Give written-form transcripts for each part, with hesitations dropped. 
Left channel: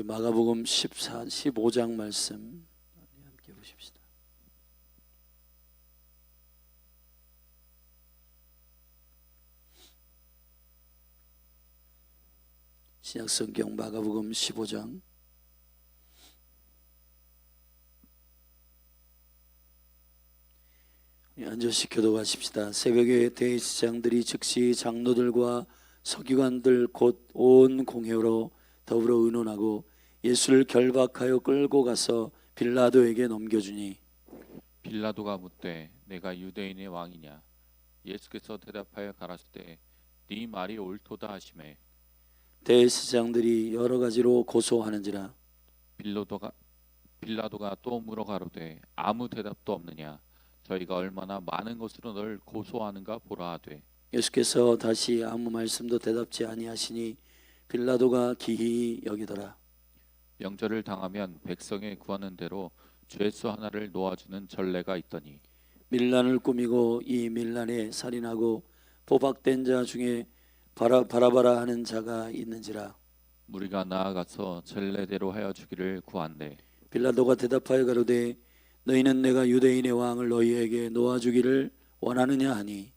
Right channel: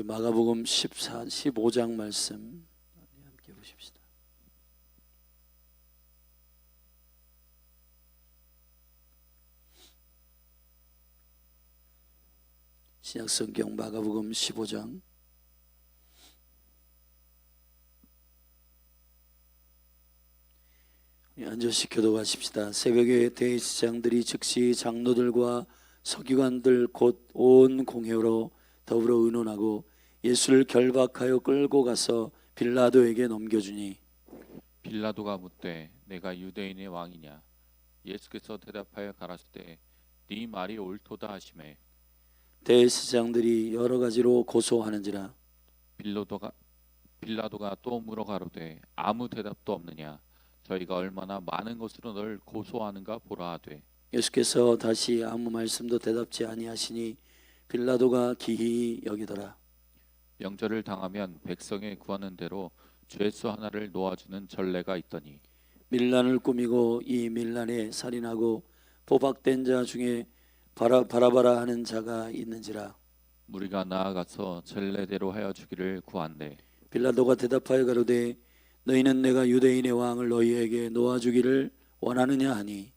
우리 마가복음 15장 말씀 함께 보십시다. 신약성경 마가복음 15장 앉으시 교도하십시다. 새벽에 대제사장들이 즉시 장로들과 서기관들 곧 온 공회로 더불어 의논하고 예수를 결박하여 끌고 가서 빌라도에게 넘겨주니 빌라도가 묻되 내가 유대인의 왕이냐? 예수께서 대답하여 가라사대 네 말이 옳도다 하시매 대제사장들이 여러 가지로 고소하는지라. 빌라도가 또 물어 가로되 아무 대답도 없느냐? 저희가 얼마나 많은 것으로 널 고소하는가 보라 하되 예수께서 다시 아무 말씀도 대답지 아니하시니 빌라도가 기히 여기더라. 명절을 당하면 백성의 구하는 대로 죄수 하나를 놓아주는 전례가 있더니 밀란을 꾸미고 이 밀란에 살인하고 포박된 자 중에 바라바라 하는 자가 있는지라. 무리가 나아가서 전례대로 하여 주기를 구한대 빌라도가 대답하여 가로되 너희는 내가 유대인의 왕을 너희에게 놓아주기를 원하느냐 하니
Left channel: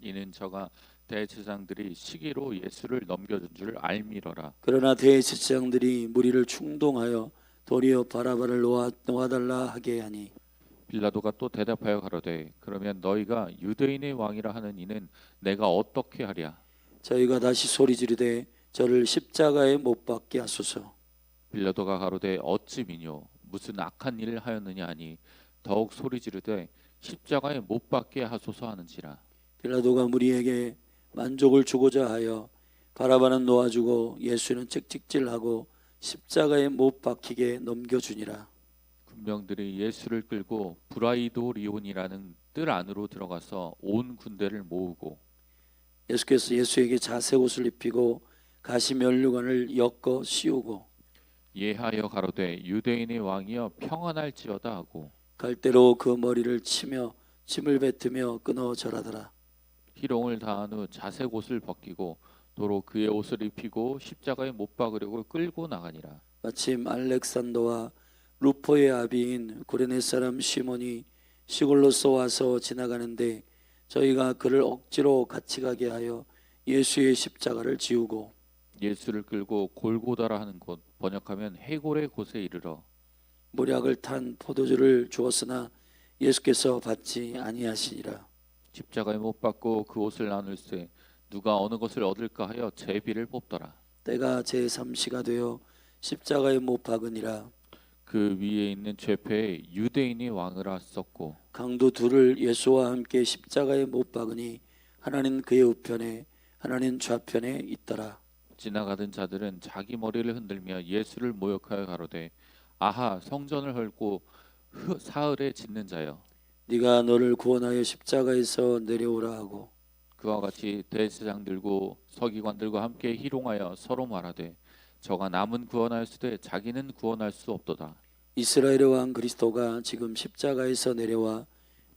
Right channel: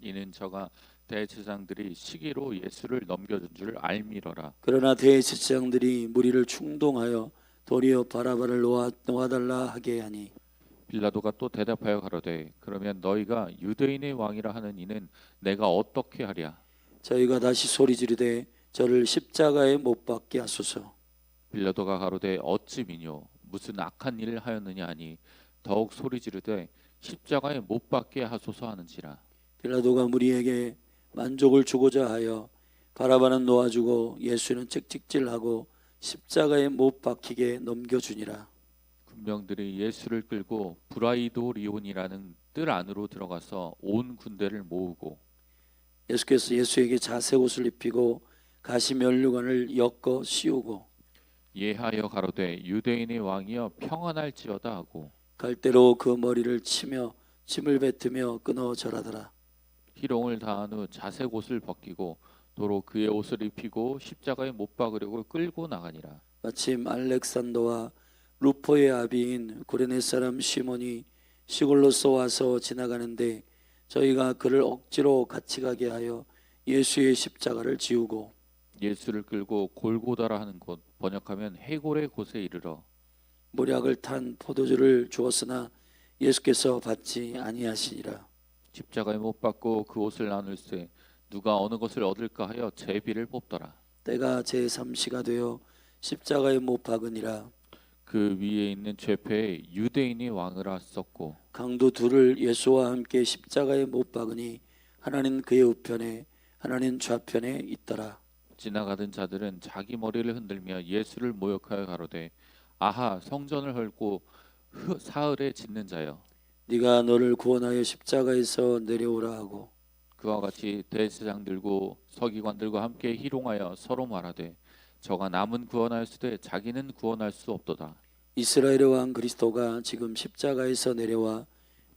이는 저가 대제사장들이 시기로 예수를 넘겨준 줄 알미러라. 그러나 대제사장들이 무리를 충동하여 도리어 바라바를 놓아달라 하게 하니 빌라도가 또 대답하여 가로되 그러면 너희가 유대인의 왕이라 하는 이는 내가 어떻게 하랴? 저희가 다시 소리 지르되 저를 십자가에 못 박게 하소서. 빌라도가 가로되 어찌 미뇨 무슨 악한 일을 하였느냐 하니 더욱 소리 지르되 십자가에 못 박게 하소서 하는지라. 빌라도가 무리에게 만족을 주고자 하여 바라바는 놓아주고 예수는 채찍질하고 십자가에 못 박히게 넘겨주니라. 군병들이 예수를 끌고 브라이도리온이라는 뜰 안으로 들어가서 온 군대를 모으고 예수께서 예수에게 자색 옷을 입히고 가시 면류관을 엮어 씌우고 예하여 가로되 유대인의 왕이여 평안할지어다 하고 갈대로 그 머리를 치며 침을 뱉으며 끊어 절하더라. 희롱을 다한 후 자색 옷을 벗기고 도로 그의 옷을 입히고 십자가에 못 박으려고 끌고 나가니라. 마침 알렉산더와 루포의 아비인 구레네 사람 시몬이 시골로서 와서 지나가는데 저희가 그를 억지로 같이 가게 하여 예수의 십자가를 지우고 예수를 끌고 골고다라 하는 곳 번역하면 해골의 곳에 이르러 모략을 탄 포도주를 주었으나 예수께서 받지 아니하시니라. 십자가에 못 박고 그 옷을 나눌세 누가 어느 것을 얻을까 하여 제비를 뽑더라. 때가 제3시가 되어 십자가에 못 박으니라. 그 위에 있는 죄패에 유대인이 왕을 썼고 강도 둘을 예수와 함께 십자가에 못 박으니 하나는 그의 우편에 하나는 좌편에 있더라. 지나가던 자들은 자기 머리를 흔들며 예수를 모욕하여 가로되 아하 성전을 헐고 사흘에 짓는 자여 네가 너를 구원하여 십자가에서 내려오라 하고 그와 같이 대제사장들고 서기관들과 함께 희롱하여 서로 말하되 저가 남은 구원하였으되 자기는 구원할 수 없도다. 이스라엘의 왕 그리스도가 지금 십자가에서 내려와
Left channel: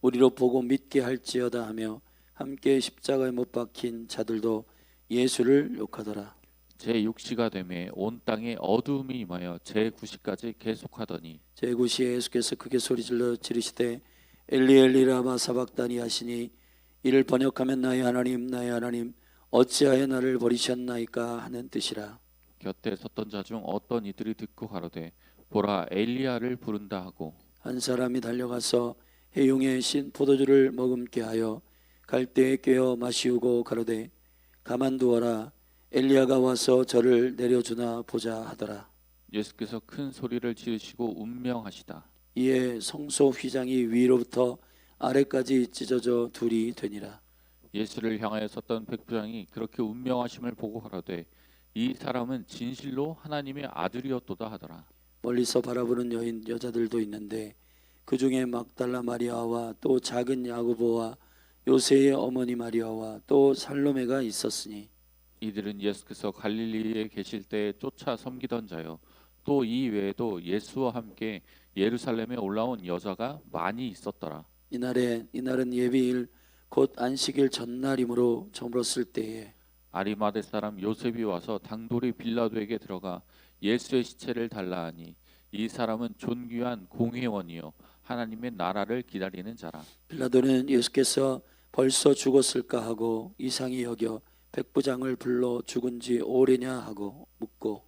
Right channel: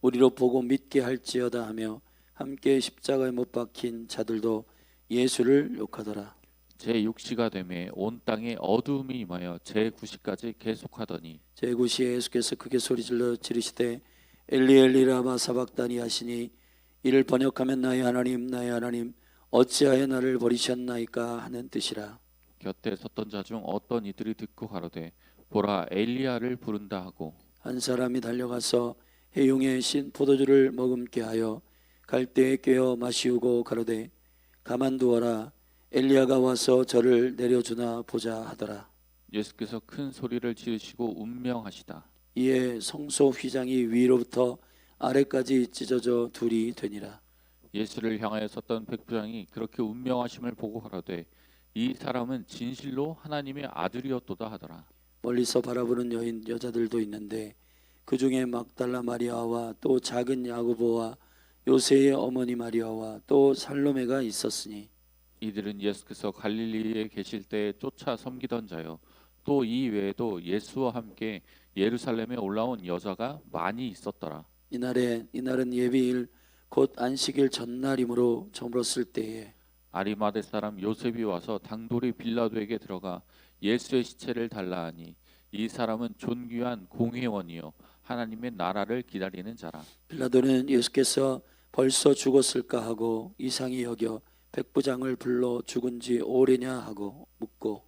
우리로 보고 믿게 할지어다 하며 함께 십자가에 못 박힌 자들도 예수를 욕하더라. 제6시가 되매 온 땅에 어두움이 임하여 제9시까지 계속하더니 제9시에 예수께서 크게 소리질러 지르시되 엘리 엘리 라마 사박다니 하시니 이를 번역하면 나의 하나님 어찌하여 나를 버리셨나이까 하는 뜻이라. 곁에 섰던 자 중 어떤 이들이 듣고 가로되 보라 엘리야를 부른다 하고 한 사람이 달려가서 해용의 신 포도주를 머금게 하여 갈대에 꿰어 마시우고 가로되 가만두어라 엘리야가 와서 저를 내려주나 보자 하더라. 예수께서 큰 소리를 지르시고 운명하시다. 이에 성소 휘장이 위로부터 아래까지 찢어져 둘이 되니라. 예수를 향하여 섰던 백부장이 그렇게 운명하심을 보고 가로되 이 사람은 진실로 하나님의 아들이었도다 하더라. 멀리서 바라보는 여자들도 있는데 그 중에 막달라 마리아와 또 작은 야고보와 요새의 어머니 마리아와 또 살로메가 있었으니 이들은 예수께서 갈릴리에 계실 때 쫓아 섬기던 자요 또 이 외에도 예수와 함께 예루살렘에 올라온 여자가 많이 있었더라. 이날은 예비일 곧 안식일 전날이므로 저물었을 때에 아리마대 사람 요셉이 와서 당돌이 빌라도에게 들어가 예수의 시체를 달라 하니 이 사람은 존귀한 공회원이요 하나님의 나라를 기다리는 자라. 빌라도는 예수께서 벌써 죽었을까 하고 이상히 여겨 백부장을 불러 죽은 지 오래냐 하고 묻고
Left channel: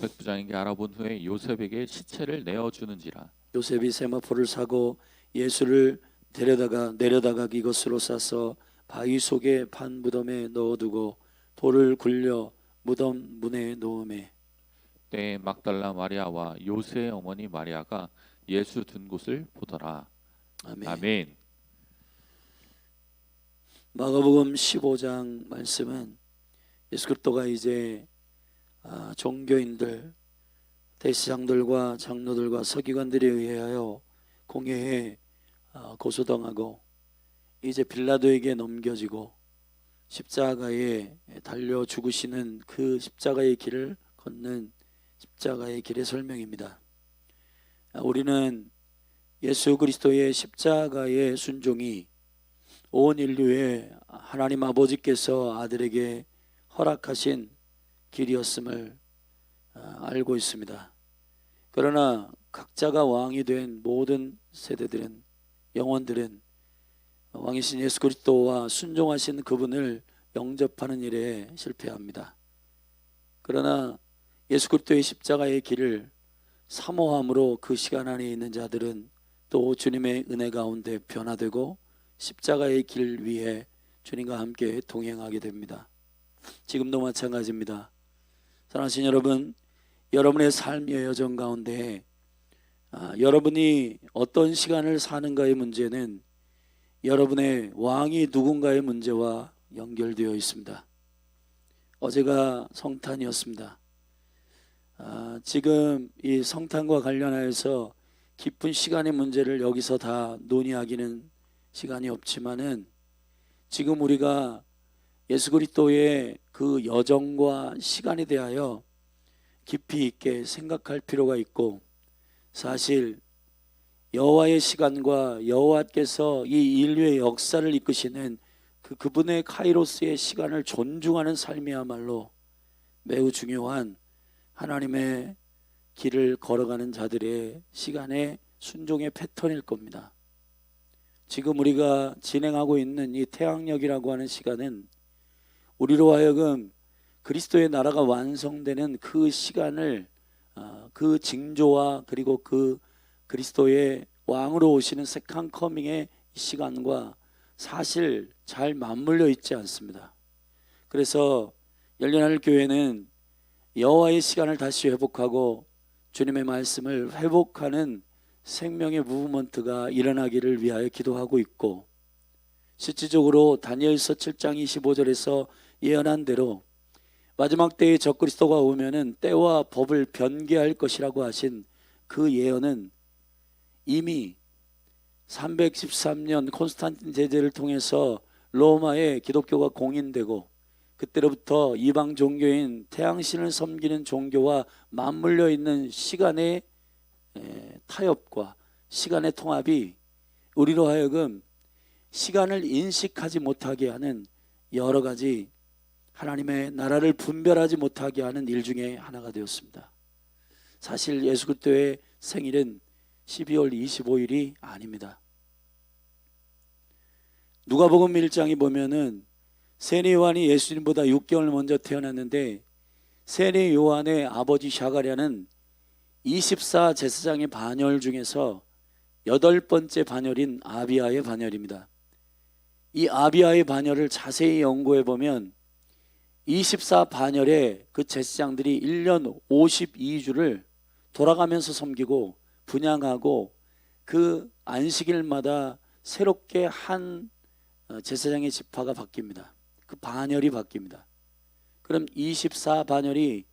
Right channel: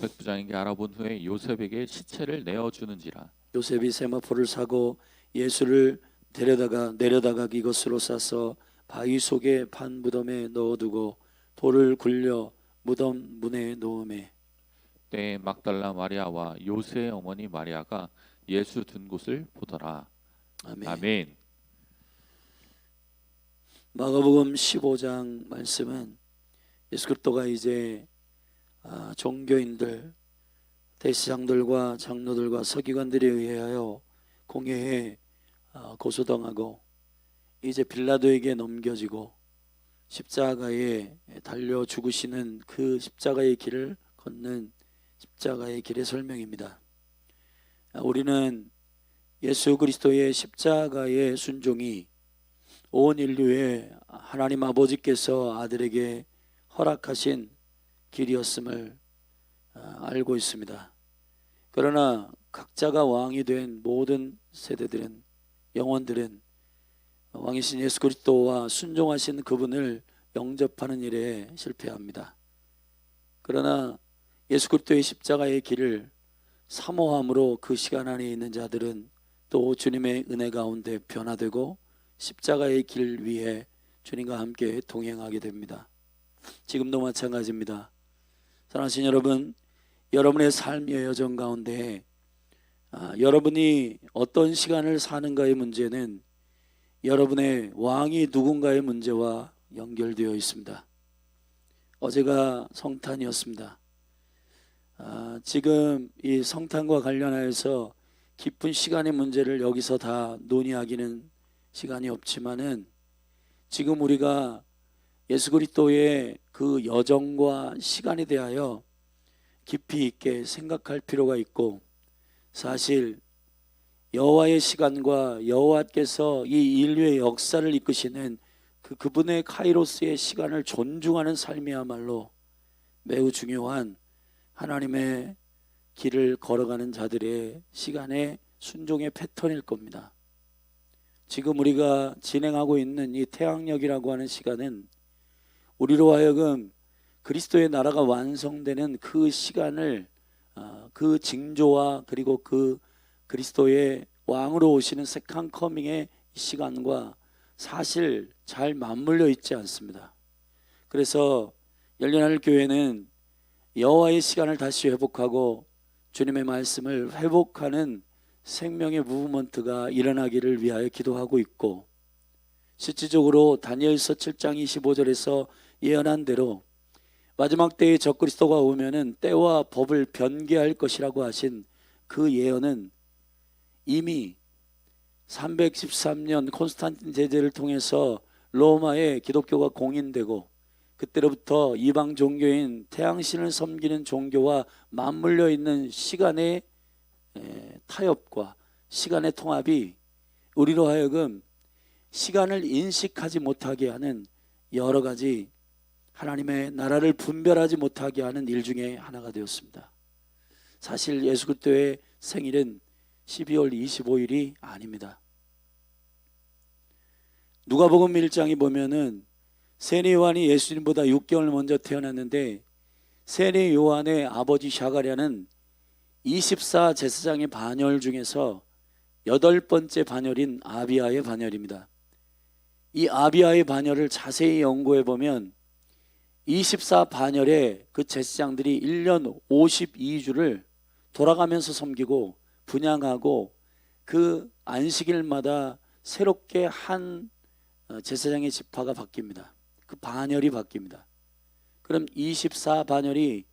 백부장에게 알아본 후에 요셉에게 시체를 내어주는지라. 요셉이 세마포를 사고 예수를 내려다가 이것으로 싸서 바위 속에 판 무덤에 넣어두고 돌을 굴려 무덤 문에 놓음에 때에 막달라 마리아와 요새의 어머니 마리아가 예수 둔 곳을 보더라. 아멘. 아멘. 마가복음 15장 말씀은 예수 그리스도가 이제 종교인들, 대제사장들과 장로들과 서기관들에 의하여 공회에 고소당하고 이제 빌라도에게 넘겨지고 십자가에 달려 죽으시는 그 십자가의 길을 걷는 십자가의 길의 설명입니다. 우리는 예수 그리스도의 십자가의 순종이 온 인류의 하나님 아버지께서 아들에게 허락하신 길이었음을 알고 있습니다. 그러나 각자가 왕이 된 모든 세대들은, 영혼들은 왕이신 예수 그리스도와 순종하신 그분을 영접하는 일에 실패합니다. 그러나 예수 그리스도의 십자가의 길을 사모함으로 그 시간 안에 있는 자들은 또 주님의 은혜 가운데 변화되고 십자가의 길 위에 주님과 함께 동행하게 됩니다. 지금도 마찬가지입니다. 사랑하신 여러분, 여러분의 삶의 여정 가운데 여러분이 어떤 시간을 사는가의 문제는 여러분의 왕이 누군가의 문제와 연결되어 있습니다. 어제가 성탄이었습니다. 지금 이 성탄과 관련하여서 깊은 시간의 문제를 여기서 다 논의하기는 시간이 없지만은 지금 우리가 예수 그리스도의 그 여정과 시간에 대하여 깊이 있게 생각할 필요가 있고, 사실 여호와의 시간과 여호와께서 이 인류의 역사를 이끄시는 그분의 카이로스의 시간을 존중하는 삶이야말로 매우 중요한 하나님의 길을 걸어가는 자들의 시간의 순종의 패턴일 겁니다. 지금 우리가 진행하고 있는 이 태양력이라고 하는 시간은 우리로 하여금 그리스도의 나라가 완성되는 그 시간을 그 징조와 그리고 그 그리스도의 왕으로 오시는 세컨 커밍의 시간과 사실 잘 맞물려 있지 않습니다. 그래서 열린하늘 교회는 여호와의 시간을 다시 회복하고 주님의 말씀을 회복하는 생명의 무브먼트가 일어나기를 위하여 기도하고 있고, 실질적으로 다니엘서 7장 25절에서 예언한 대로 마지막 때에 적그리스도가 오면은 때와 법을 변개할 것이라고 하신 그 예언은 이미 313년 콘스탄틴 제재를 통해서 로마에 기독교가 공인되고 그때로부터 이방 종교인 태양신을 섬기는 종교와 맞물려 있는 시간의 타협과 시간의 통합이 우리로 하여금 시간을 인식하지 못하게 하는 여러 가지 하나님의 나라를 분별하지 못하게 하는 일 중에 하나가 되었습니다. 사실 예수 그리스도의 생일은 12월 25일이 아닙니다. 누가복음 1장에 보면은 세례 요한이 예수님보다 6개월 먼저 태어났는데 세례 요한의 아버지 샤가랴는 24 제사장의 반열 중에서 8번째 반열인 아비아의 반열입니다. 이 아비아의 반열을 자세히 연구해 보면 24 반열에 그 제사장들이 1년 52주를 돌아가면서 섬기고 분향하고 그 안식일마다 새롭게 한 제사장의 지파가 바뀝니다. 그 반열이 바뀝니다. 그럼 24 반열이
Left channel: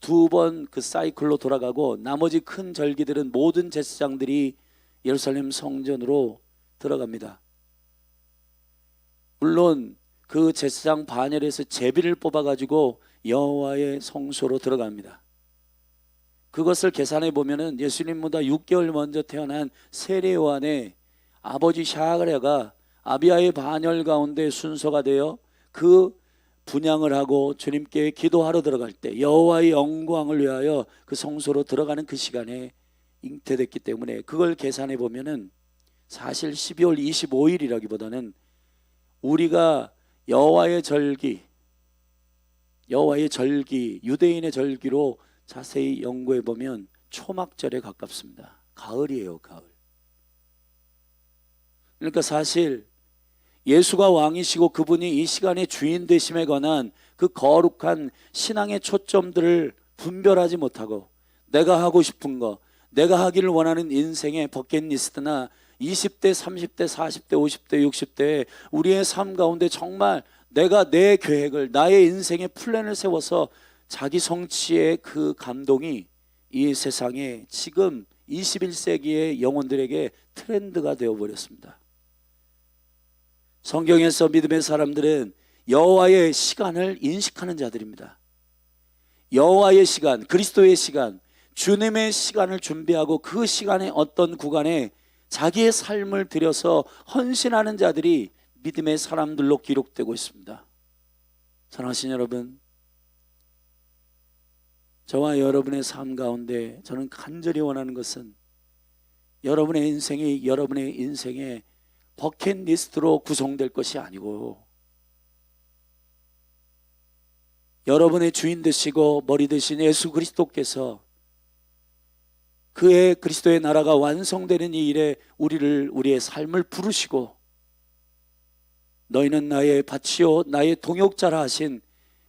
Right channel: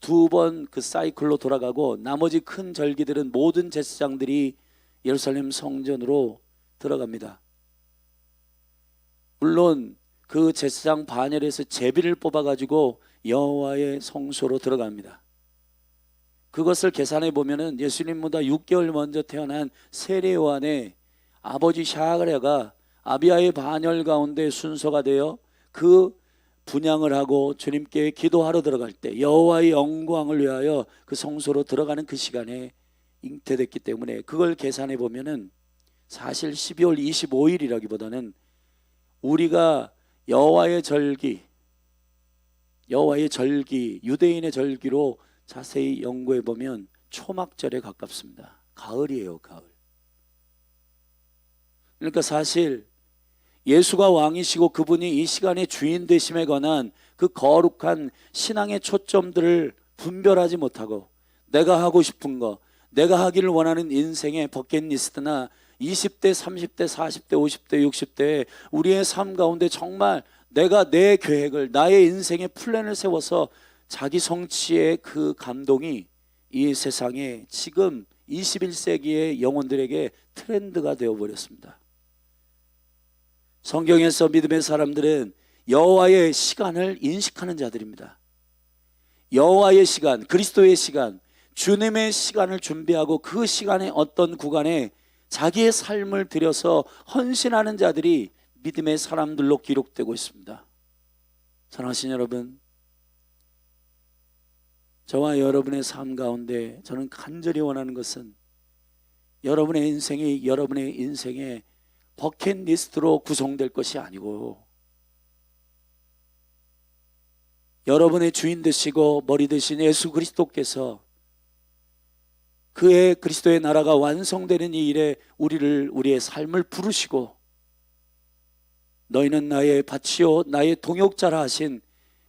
2번 그 사이클로 돌아가고 나머지 큰 절기들은 모든 제사장들이 예루살렘 성전으로 들어갑니다. 물론 그 제사장 반열에서 제비를 뽑아가지고 여호와의 성소로 들어갑니다. 그것을 계산해 보면은 예수님보다 6개월 먼저 태어난 세례 요한의 아버지 샤가랴가 아비아의 반열 가운데 순서가 되어 그 분향을 하고 주님께 기도하러 들어갈 때 여호와의 영광을 위하여 그 성소로 들어가는 그 시간에 잉태됐기 때문에 그걸 계산해 보면은 사실 12월 25일이라기보다는 우리가 여호와의 절기, 유대인의 절기로 자세히 연구해 보면 초막절에 가깝습니다. 가을이에요, 가을. 그러니까 사실 예수가 왕이시고 그분이 이 시간의 주인 되심에 관한 그 거룩한 신앙의 초점들을 분별하지 못하고 내가 하고 싶은 거, 내가 하기를 원하는 인생의 버킷리스트나 20대, 30대, 40대, 50대, 60대에 우리의 삶 가운데 정말 내가 내 계획을, 나의 인생의 플랜을 세워서 자기 성취의 그 감동이 이 세상에 지금 21세기의 영혼들에게 트렌드가 되어버렸습니다. 성경에서 믿음의 사람들은 여호와의 시간을 인식하는 자들입니다. 여호와의 시간, 그리스도의 시간, 주님의 시간을 준비하고 그 시간의 어떤 구간에 자기의 삶을 들여서 헌신하는 자들이 믿음의 사람들로 기록되고 있습니다. 사랑하신 여러분, 저와 여러분의 삶 가운데 저는 간절히 원하는 것은 여러분의 인생의 버킷리스트로 구성될 것이 아니고 여러분의 주인 되시고 머리 되신 예수 그리스도께서 그의 그리스도의 나라가 완성되는 이 일에 우리의 삶을 부르시고 너희는 나의 밭이요 나의 동역자라 하신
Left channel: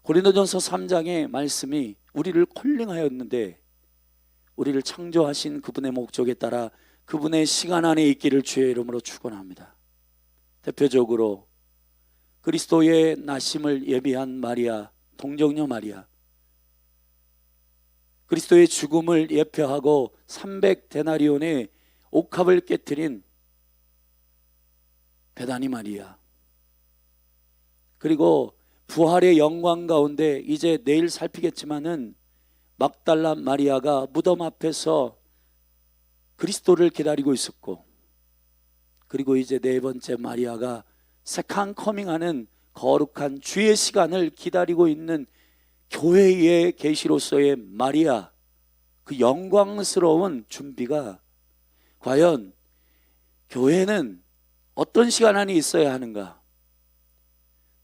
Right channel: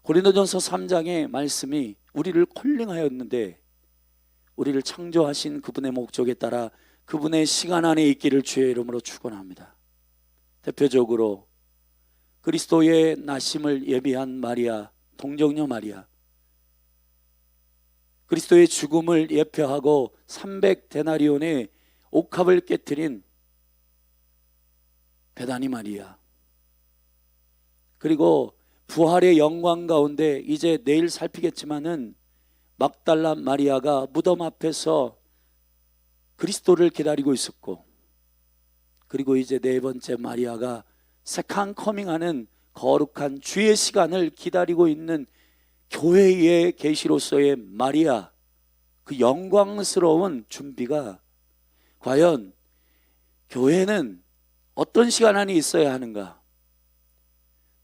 고린도전서 3장의 말씀이 우리를 콜링하였는데 우리를 창조하신 그분의 목적에 따라 그분의 시간 안에 있기를 주의 이름으로 축원합니다. 대표적으로 그리스도의 나심을 예비한 마리아, 동정녀 마리아, 그리스도의 죽음을 예표하고 300데나리온의 옥합을 깨트린 베다니 마리아, 그리고 부활의 영광 가운데 이제 내일 살피겠지만은 막달라 마리아가 무덤 앞에서 그리스도를 기다리고 있었고, 그리고 이제 네 번째 마리아가 세컨 커밍하는 거룩한 주의 시간을 기다리고 있는 교회의 계시로서의 마리아, 그 영광스러운 준비가 과연 교회는 어떤 시간 안에 있어야 하는가?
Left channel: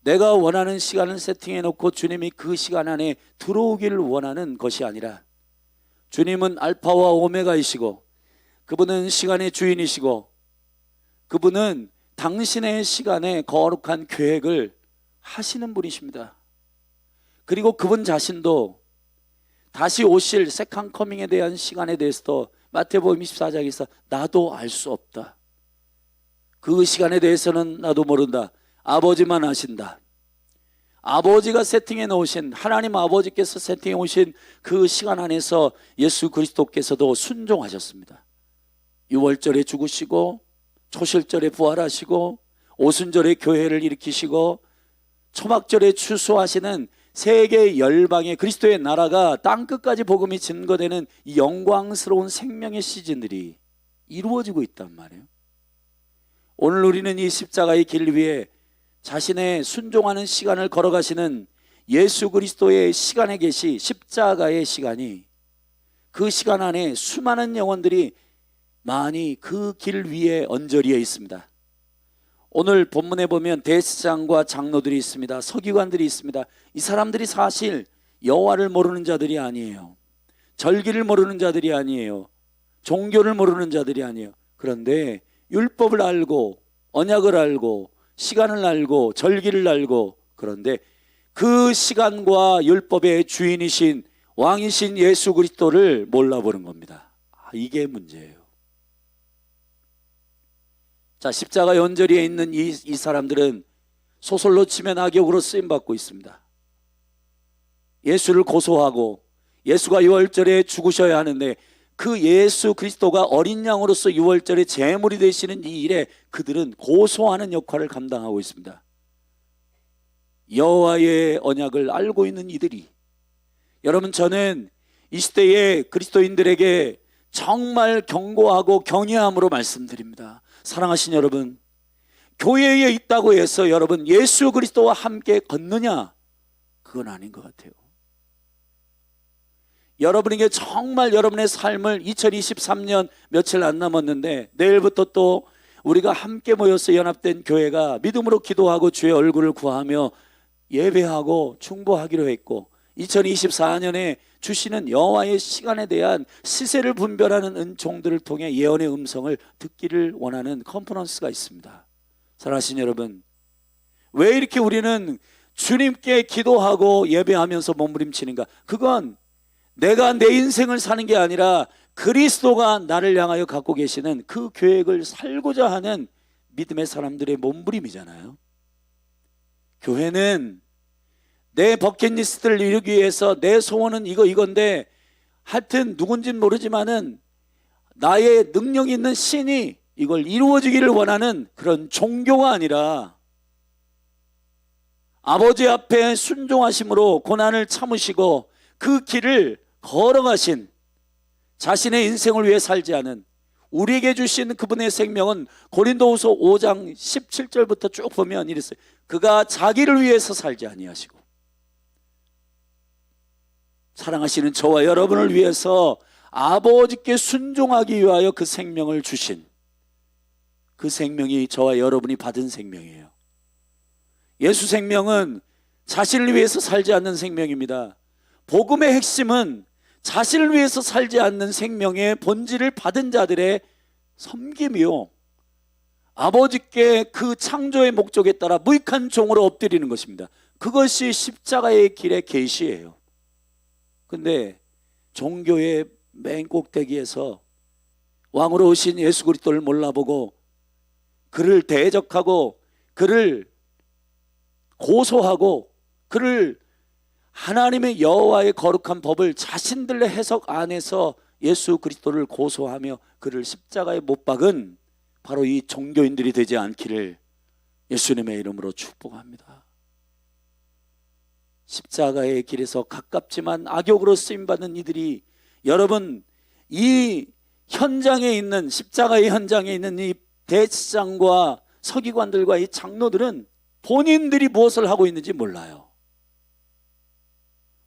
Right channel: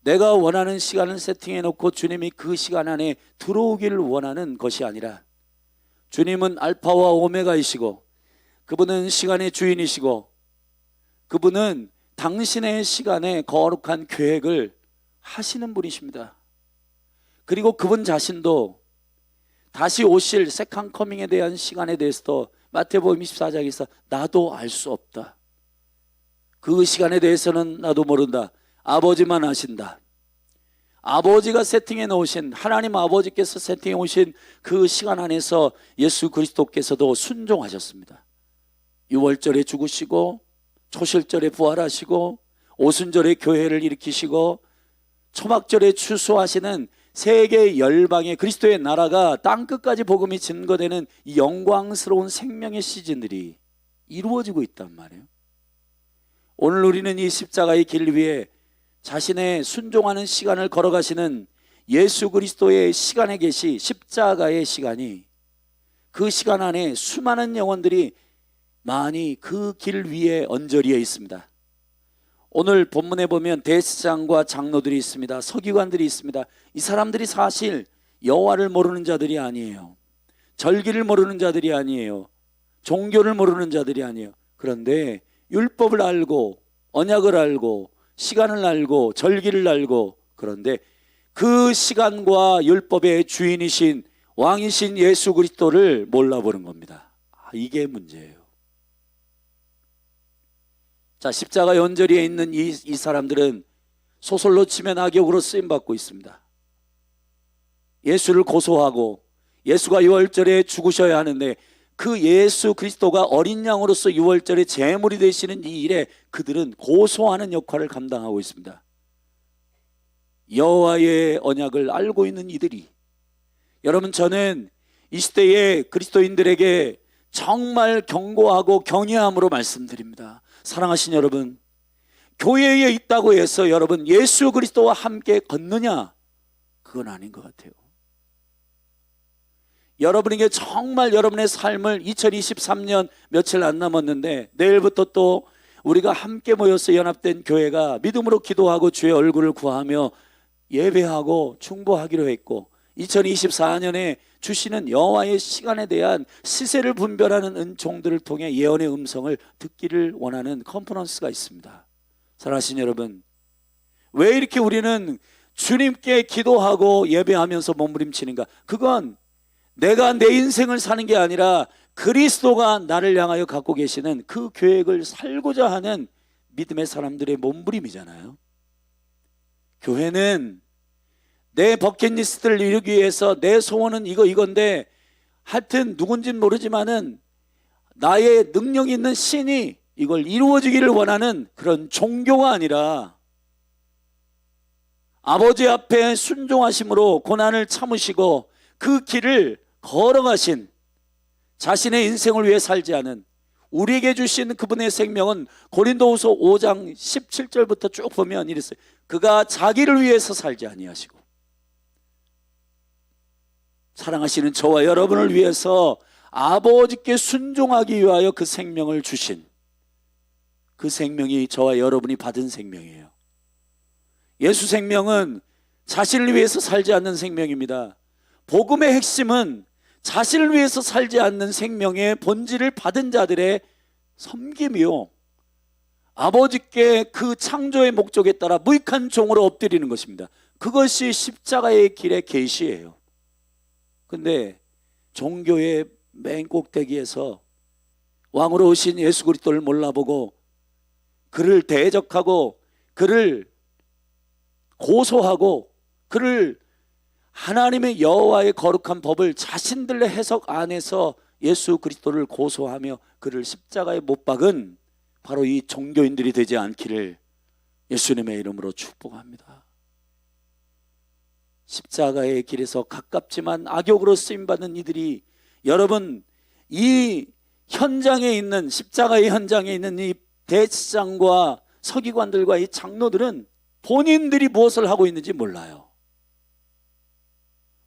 내가 원하는 시간을 세팅해 놓고 주님이 그 시간 안에 들어오기를 원하는 것이 아니라 주님은 알파와 오메가이시고 그분은 시간의 주인이시고 그분은 당신의 시간에 거룩한 계획을 하시는 분이십니다. 그리고 그분 자신도 다시 오실 세컨 커밍에 대한 시간에 대해서도 마태복음 24장에서 나도 알 수 없다. 그 시간에 대해서는 나도 모른다. 아버지만 아신다. 아버지가 세팅해 놓으신, 하나님 아버지께서 세팅해 오신 그 시간 안에서 예수 그리스도께서도 순종하셨습니다. 유월절에 죽으시고 초실절에 부활하시고 오순절에 교회를 일으키시고 초막절에 추수하시는 세계 열방의 그리스도의 나라가 땅끝까지 복음이 증거되는 이 영광스러운 생명의 시즌들이 이루어지고 있단 말이에요. 오늘 우리는 이 십자가의 길 위에 자신의 순종하는 시간을 걸어가시는 예수 그리스도의 시간에 계시 십자가의 시간이, 그 시간 안에 수많은 영혼들이 많이 그 길 위에 언저리에 있습니다. 오늘 본문에 보면 대제사장과 장로들이 있습니다. 서기관들이 있습니다. 이 사람들이 사실 여호와를 모르는 자들이 아니에요. 절기를 모르는 자들이 아니에요. 종교를 모르는 자들이 아니에요. 그런데 율법을 알고 언약을 알고 시간을 알고 절기를 알고, 그런데 그 시간과 율법의 주인이신 왕이신 예수 그리스도를 몰라보는 겁니다. 이게 문제예요. 자, 십자가 연저리에 있는 이 사람들은 소설로 치면 악역으로 쓰임받고 있습니다. 예수를 고소하고 예수가 유월절에 죽으셔야 하는데 그 예수 그리스도가 어린 양으로서 유월절에 제물이 되시는 이 일에 그들은 고소하는 역할을 감당하고 있습니다. 여호와의 언약을 알고 있는 이들이, 여러분, 저는 이 시대의 그리스도인들에게 정말 경고하고 경외함으로 말씀드립니다. 사랑하신 여러분, 교회에 있다고 해서 여러분 예수 그리스도와 함께 걷느냐, 그건 아닌 것 같아요. 여러분에게 정말 여러분의 삶을 2023년 며칠 안 남았는데 내일부터 또 우리가 함께 모여서 연합된 교회가 믿음으로 기도하고 주의 얼굴을 구하며 예배하고 충보하기로 했고 2024년에 주시는 여호와의 시간에 대한 시세를 분별하는 은총들을 통해 예언의 음성을 듣기를 원하는 컨퍼런스가 있습니다. 사랑하신 여러분, 왜 이렇게 우리는 주님께 기도하고 예배하면서 몸부림치는가? 그건 내가 내 인생을 사는 게 아니라 그리스도가 나를 향하여 갖고 계시는 그 계획을 살고자 하는 믿음의 사람들의 몸부림이잖아요. 교회는 내 버킷리스트를 이루기 위해서 내 소원은 이건데 하여튼 누군지는 모르지만은 나의 능력 있는 신이 이걸 이루어지기를 원하는 그런 종교가 아니라 아버지 앞에 순종하심으로 고난을 참으시고 그 길을 걸어가신 자신의 인생을 위해 살지 않은 우리에게 주신 그분의 생명은 고린도후서 5장 17절부터 쭉 보면 이랬어요. 그가 자기를 위해서 살지 아니하시고 사랑하시는 저와 여러분을 위해서 아버지께 순종하기 위하여 그 생명을 주신 그 생명이 저와 여러분이 받은 생명이에요. 예수 생명은 자신을 위해서 살지 않는 생명입니다. 복음의 핵심은 자신을 위해서 살지 않는 생명의 본질을 받은 자들의 섬김이요, 아버지께 그 창조의 목적에 따라 무익한 종으로 엎드리는 것입니다. 그것이 십자가의 길의 계시예요. 근데 종교의 맨 꼭대기에서 왕으로 오신 예수 그리스도를 몰라보고 그를 대적하고 그를 고소하고 그를 하나님의 여호와의 거룩한 법을 자신들의 해석 안에서 예수 그리스도를 고소하며 그를 십자가에 못 박은 바로 이 종교인들이 되지 않기를 예수님의 이름으로 축복합니다. 십자가의 길에서 가깝지만 악역으로 쓰임받는 이들이, 여러분, 이 현장에 있는, 십자가의 현장에 있는 이 대제사장과 서기관들과 이 장로들은 본인들이 무엇을 하고 있는지 몰라요.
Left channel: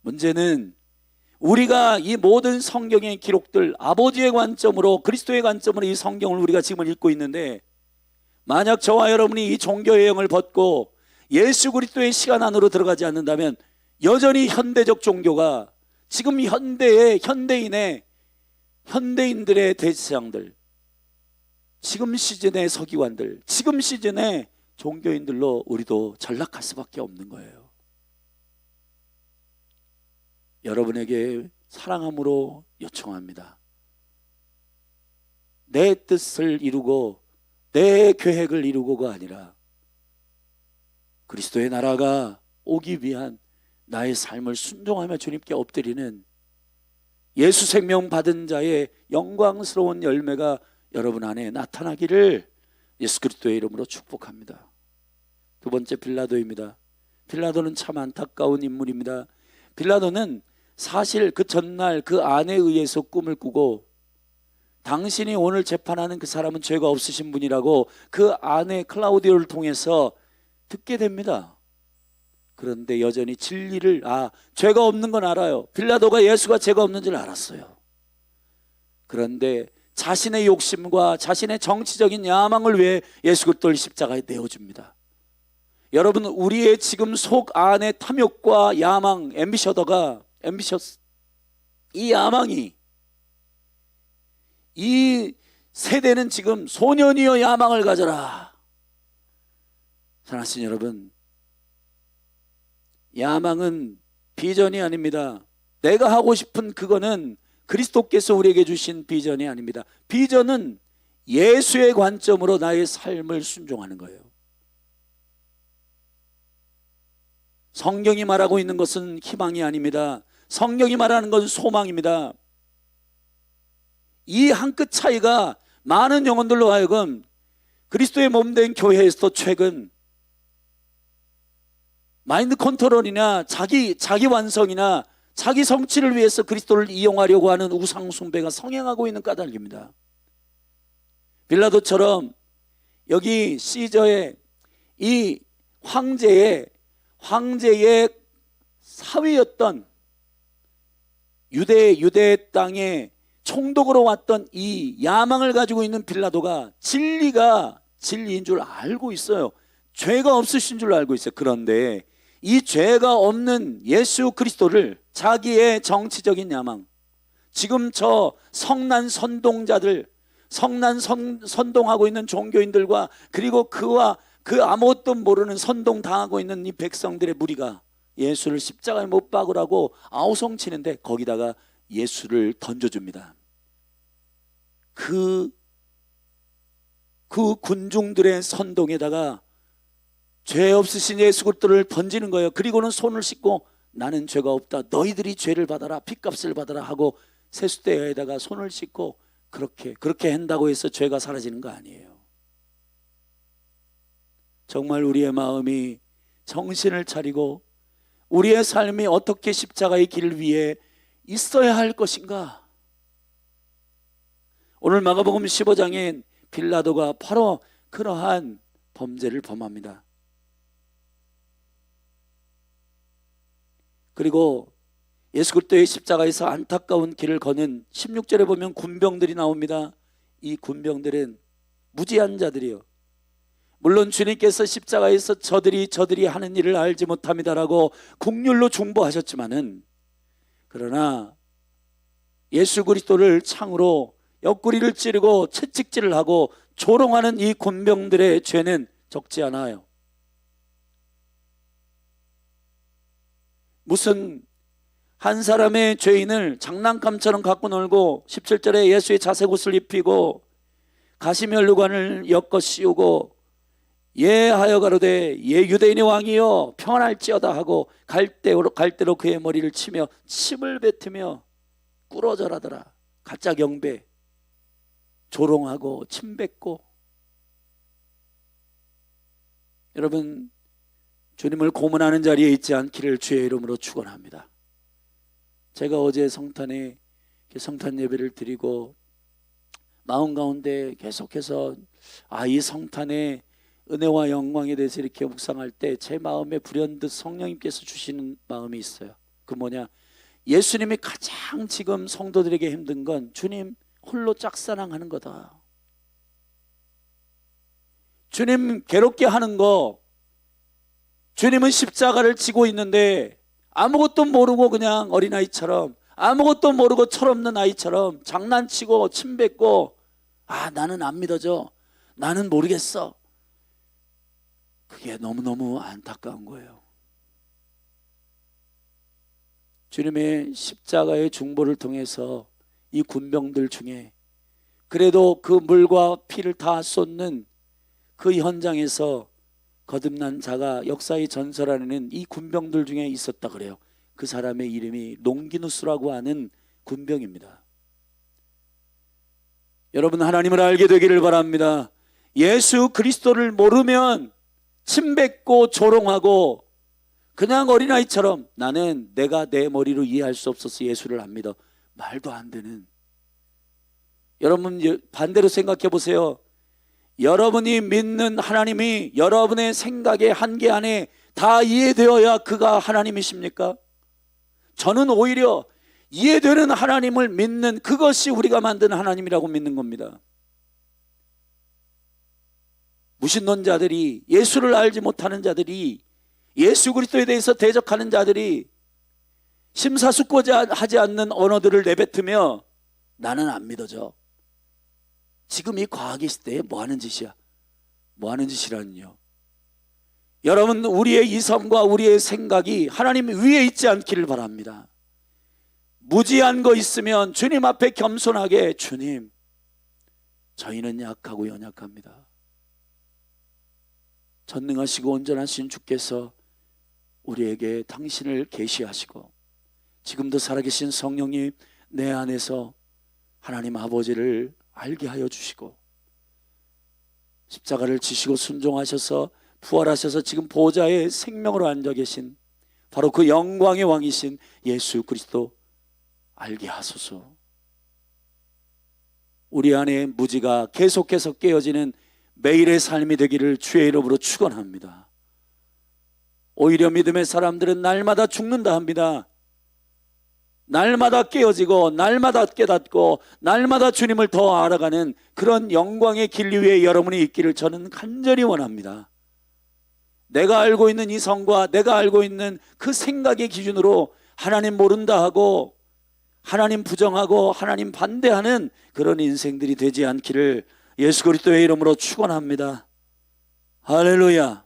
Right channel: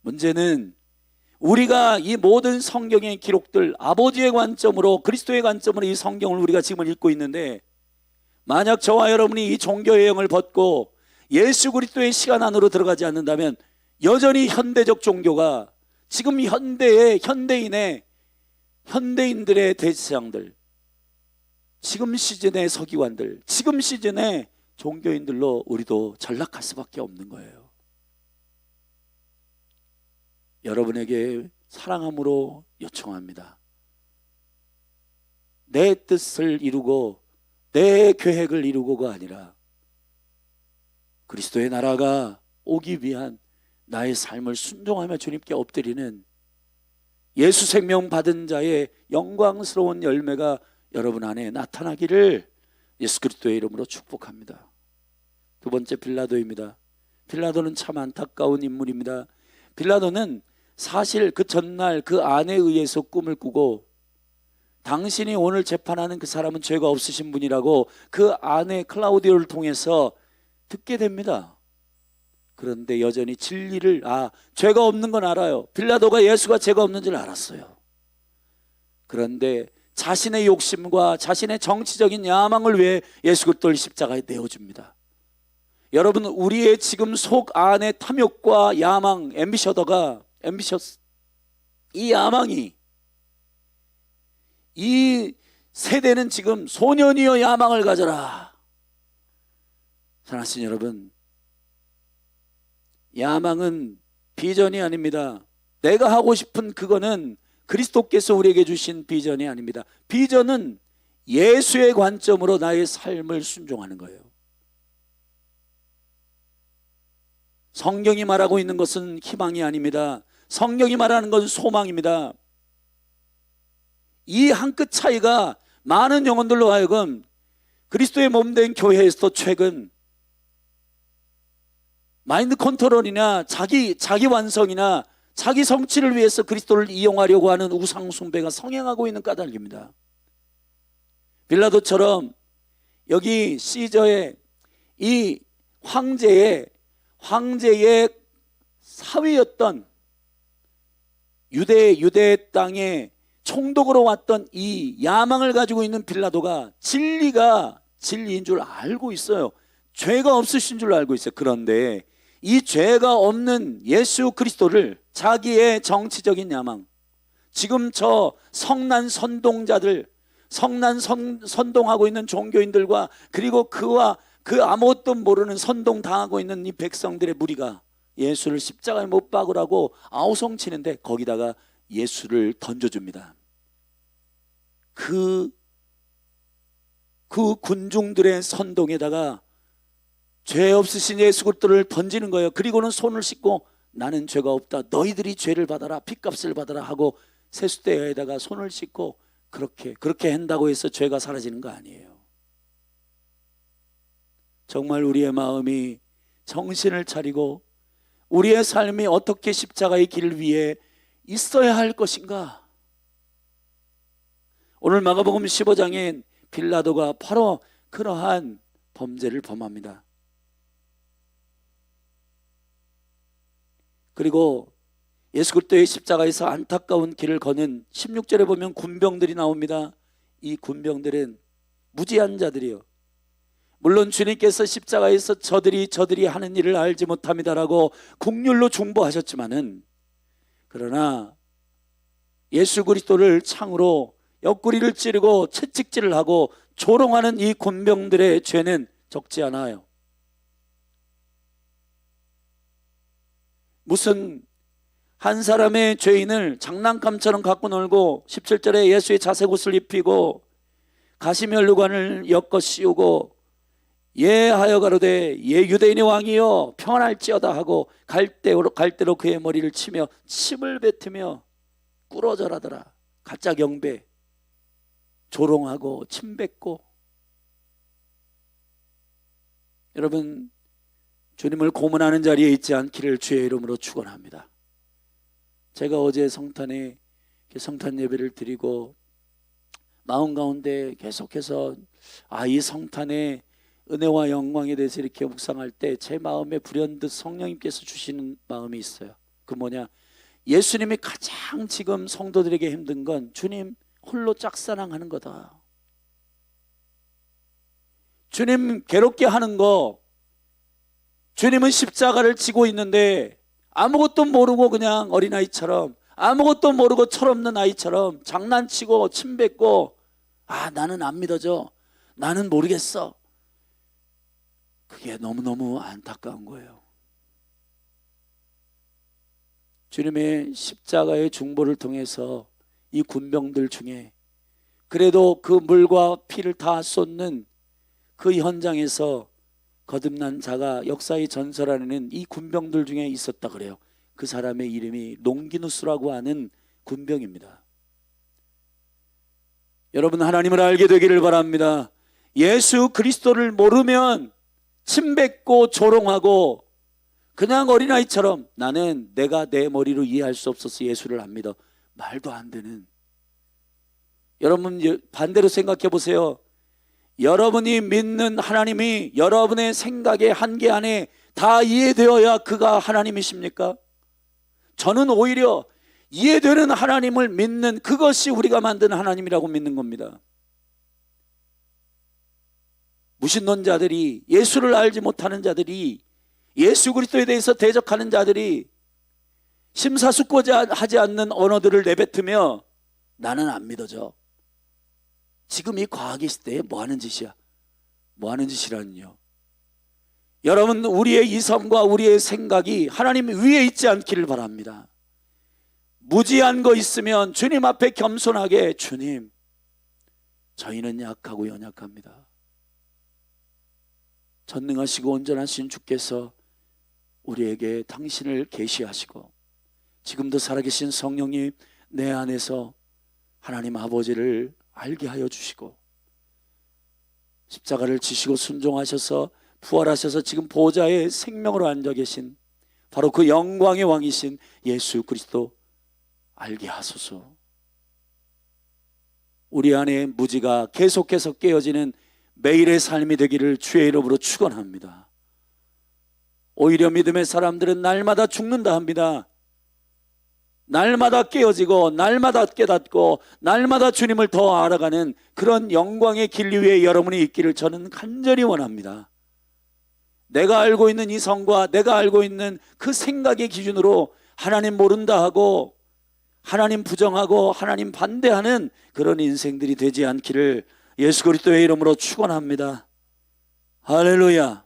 문제는 우리가 이 모든 성경의 기록들, 아버지의 관점으로, 그리스도의 관점으로 이 성경을 우리가 지금 읽고 있는데, 만약 저와 여러분이 이 종교의 영을 벗고 예수 그리스도의 시간 안으로 들어가지 않는다면 여전히 현대적 종교가 지금 현대인들의 대제사장들, 지금 시즌의 서기관들, 지금 시즌의 종교인들로 우리도 전락할 수밖에 없는 거예요. 여러분에게 사랑함으로 요청합니다. 내 뜻을 이루고 내 계획을 이루고가 아니라 그리스도의 나라가 오기 위한 나의 삶을 순종하며 주님께 엎드리는 예수 생명 받은 자의 영광스러운 열매가 여러분 안에 나타나기를 예수 그리스도의 이름으로 축복합니다. 두 번째, 빌라도입니다. 빌라도는 참 안타까운 인물입니다. 빌라도는 사실 그 전날 그 아내에 의해서 꿈을 꾸고, 당신이 오늘 재판하는 그 사람은 죄가 없으신 분이라고 그 아내 클라우디오를 통해서 듣게 됩니다. 그런데 여전히 진리를, 죄가 없는 건 알아요. 빌라도가 예수가 죄가 없는 줄 알았어요. 그런데 자신의 욕심과 자신의 정치적인 야망을 위해 예수 그리스도를 십자가에 내어줍니다. 여러분, 우리의 지금 속 안의 탐욕과 야망, 앰비셔스, 이 야망이, 이 세대는 지금 소년이여 야망을 가져라. 사랑하신 여러분, 야망은 비전이 아닙니다. 내가 하고 싶은 그거는 그리스도께서 우리에게 주신 비전이 아닙니다. 비전은 예수의 관점으로 나의 삶을 순종하는 거예요. 성경이 말하고 있는 것은 희망이 아닙니다. 성경이 말하는 것은 소망입니다. 이 한 끗 차이가 많은 영혼들로 하여금 그리스도의 몸된 교회에서도 최근 마인드 컨트롤이나 자기 완성이나 자기 성취를 위해서 그리스도를 이용하려고 하는 우상 숭배가 성행하고 있는 까닭입니다. 빌라도처럼 여기 시저의 이 황제의 사위였던 유대 땅에 총독으로 왔던 이 야망을 가지고 있는 빌라도가 진리가 진리인 줄 알고 있어요. 죄가 없으신 줄 알고 있어요. 그런데 이 죄가 없는 예수 그리스도를 자기의 정치적인 야망, 지금 저 성난 선동자들, 선동하고 있는 종교인들과 그리고 그와 그 아무것도 모르는 선동당하고 있는 이 백성들의 무리가 예수를 십자가에 못 박으라고 아우성치는데 거기다가 예수를 던져줍니다. 그 군중들의 선동에다가 죄 없으신 예수 그리스도를 던지는 거예요. 그리고는 손을 씻고 나는 죄가 없다, 너희들이 죄를 받아라, 핏값을 받아라 하고 세숫대에다가 손을 씻고 그렇게 한다고 해서 죄가 사라지는 거 아니에요. 정말 우리의 마음이 정신을 차리고 우리의 삶이 어떻게 십자가의 길을 위해 있어야 할 것인가. 오늘 마가복음 15장엔 빌라도가 바로 그러한 범죄를 범합니다. 그리고 예수 그리스도의 십자가에서 안타까운 길을 거는 16절에 보면 군병들이 나옵니다. 이 군병들은 무지한 자들이요, 물론 주님께서 십자가에서 저들이 하는 일을 알지 못합니다라고 국률로 중보하셨지만은, 그러나 예수 그리스도를 창으로 옆구리를 찌르고 채찍질을 하고 조롱하는 이 군병들의 죄는 적지 않아요. 무슨 한 사람의 죄인을 장난감처럼 갖고 놀고 17절에 예수의 자색옷을 입히고 가시면류관을 엮어 씌우고 예하여 가로되 예 유대인의 왕이여 평안할지어다 하고 갈대로 그의 머리를 치며 침을 뱉으며 꿇어절하더라. 가짜 경배, 조롱하고 침 뱉고. 여러분, 주님을 고문하는 자리에 있지 않기를 주의 이름으로 축원합니다. 제가 어제 성탄에 성탄 예배를 드리고 마음 가운데 계속해서 이 성탄의 은혜와 영광에 대해서 이렇게 묵상할 때 제 마음에 불현듯 성령님께서 주시는 마음이 있어요. 그 뭐냐, 예수님이 가장 지금 성도들에게 힘든 건 주님 홀로 짝사랑하는 거다. 주님 괴롭게 하는 거, 주님은 십자가를 지고 있는데 아무것도 모르고 그냥 어린아이처럼, 아무것도 모르고 철없는 아이처럼 장난치고 침 뱉고 나는 안 믿어져, 나는 모르겠어. 그게 너무너무 안타까운 거예요. 주님의 십자가의 중보를 통해서 이 군병들 중에 그래도 그 물과 피를 다 쏟는 그 현장에서 거듭난 자가 역사의 전설 안에는 이 군병들 중에 있었다 그래요. 그 사람의 이름이 롱기누스라고 하는 군병입니다. 여러분, 하나님을 알게 되기를 바랍니다. 예수 그리스도를 모르면 침뱉고 조롱하고 그냥 어린아이처럼 나는 내가 내 머리로 이해할 수 없어서 예수를 안 믿어, 말도 안 되는. 여러분 반대로 생각해 보세요. 여러분이 믿는 하나님이 여러분의 생각의 한계 안에 다 이해되어야 그가 하나님이십니까? 저는 오히려 이해되는 하나님을 믿는 그것이 우리가 만든 하나님이라고 믿는 겁니다. 무신론자들이, 예수를 알지 못하는 자들이, 예수 그리스도에 대해서 대적하는 자들이 심사숙고하지 않는 언어들을 내뱉으며 나는 안 믿어져. 지금 이 과학의 시대에 뭐 하는 짓이야? 뭐 하는 짓이라니요? 여러분, 우리의 이성과 우리의 생각이 하나님 위에 있지 않기를 바랍니다. 무지한 거 있으면 주님 앞에 겸손하게, 주님, 저희는 약하고 연약합니다. 전능하시고 온전하신 주께서 우리에게 당신을 계시하시고 지금도 살아계신 성령님 내 안에서 하나님 아버지를 알게 하여 주시고 십자가를 지시고 순종하셔서 부활하셔서 지금 보좌에 생명으로 앉아 계신 바로 그 영광의 왕이신 예수 그리스도 알게 하소서. 우리 안에 무지가 계속해서 깨어지는 매일의 삶이 되기를 주의 이름으로 축원합니다. 오히려 믿음의 사람들은 날마다 죽는다 합니다. 날마다 깨어지고 날마다 깨닫고 날마다 주님을 더 알아가는 그런 영광의 길 위에 여러분이 있기를 저는 간절히 원합니다. 내가 알고 있는 이성과 내가 알고 있는 그 생각의 기준으로 하나님 모른다 하고 하나님 부정하고 하나님 반대하는 그런 인생들이 되지 않기를 예수 그리스도의 이름으로 축원합니다. 할렐루야.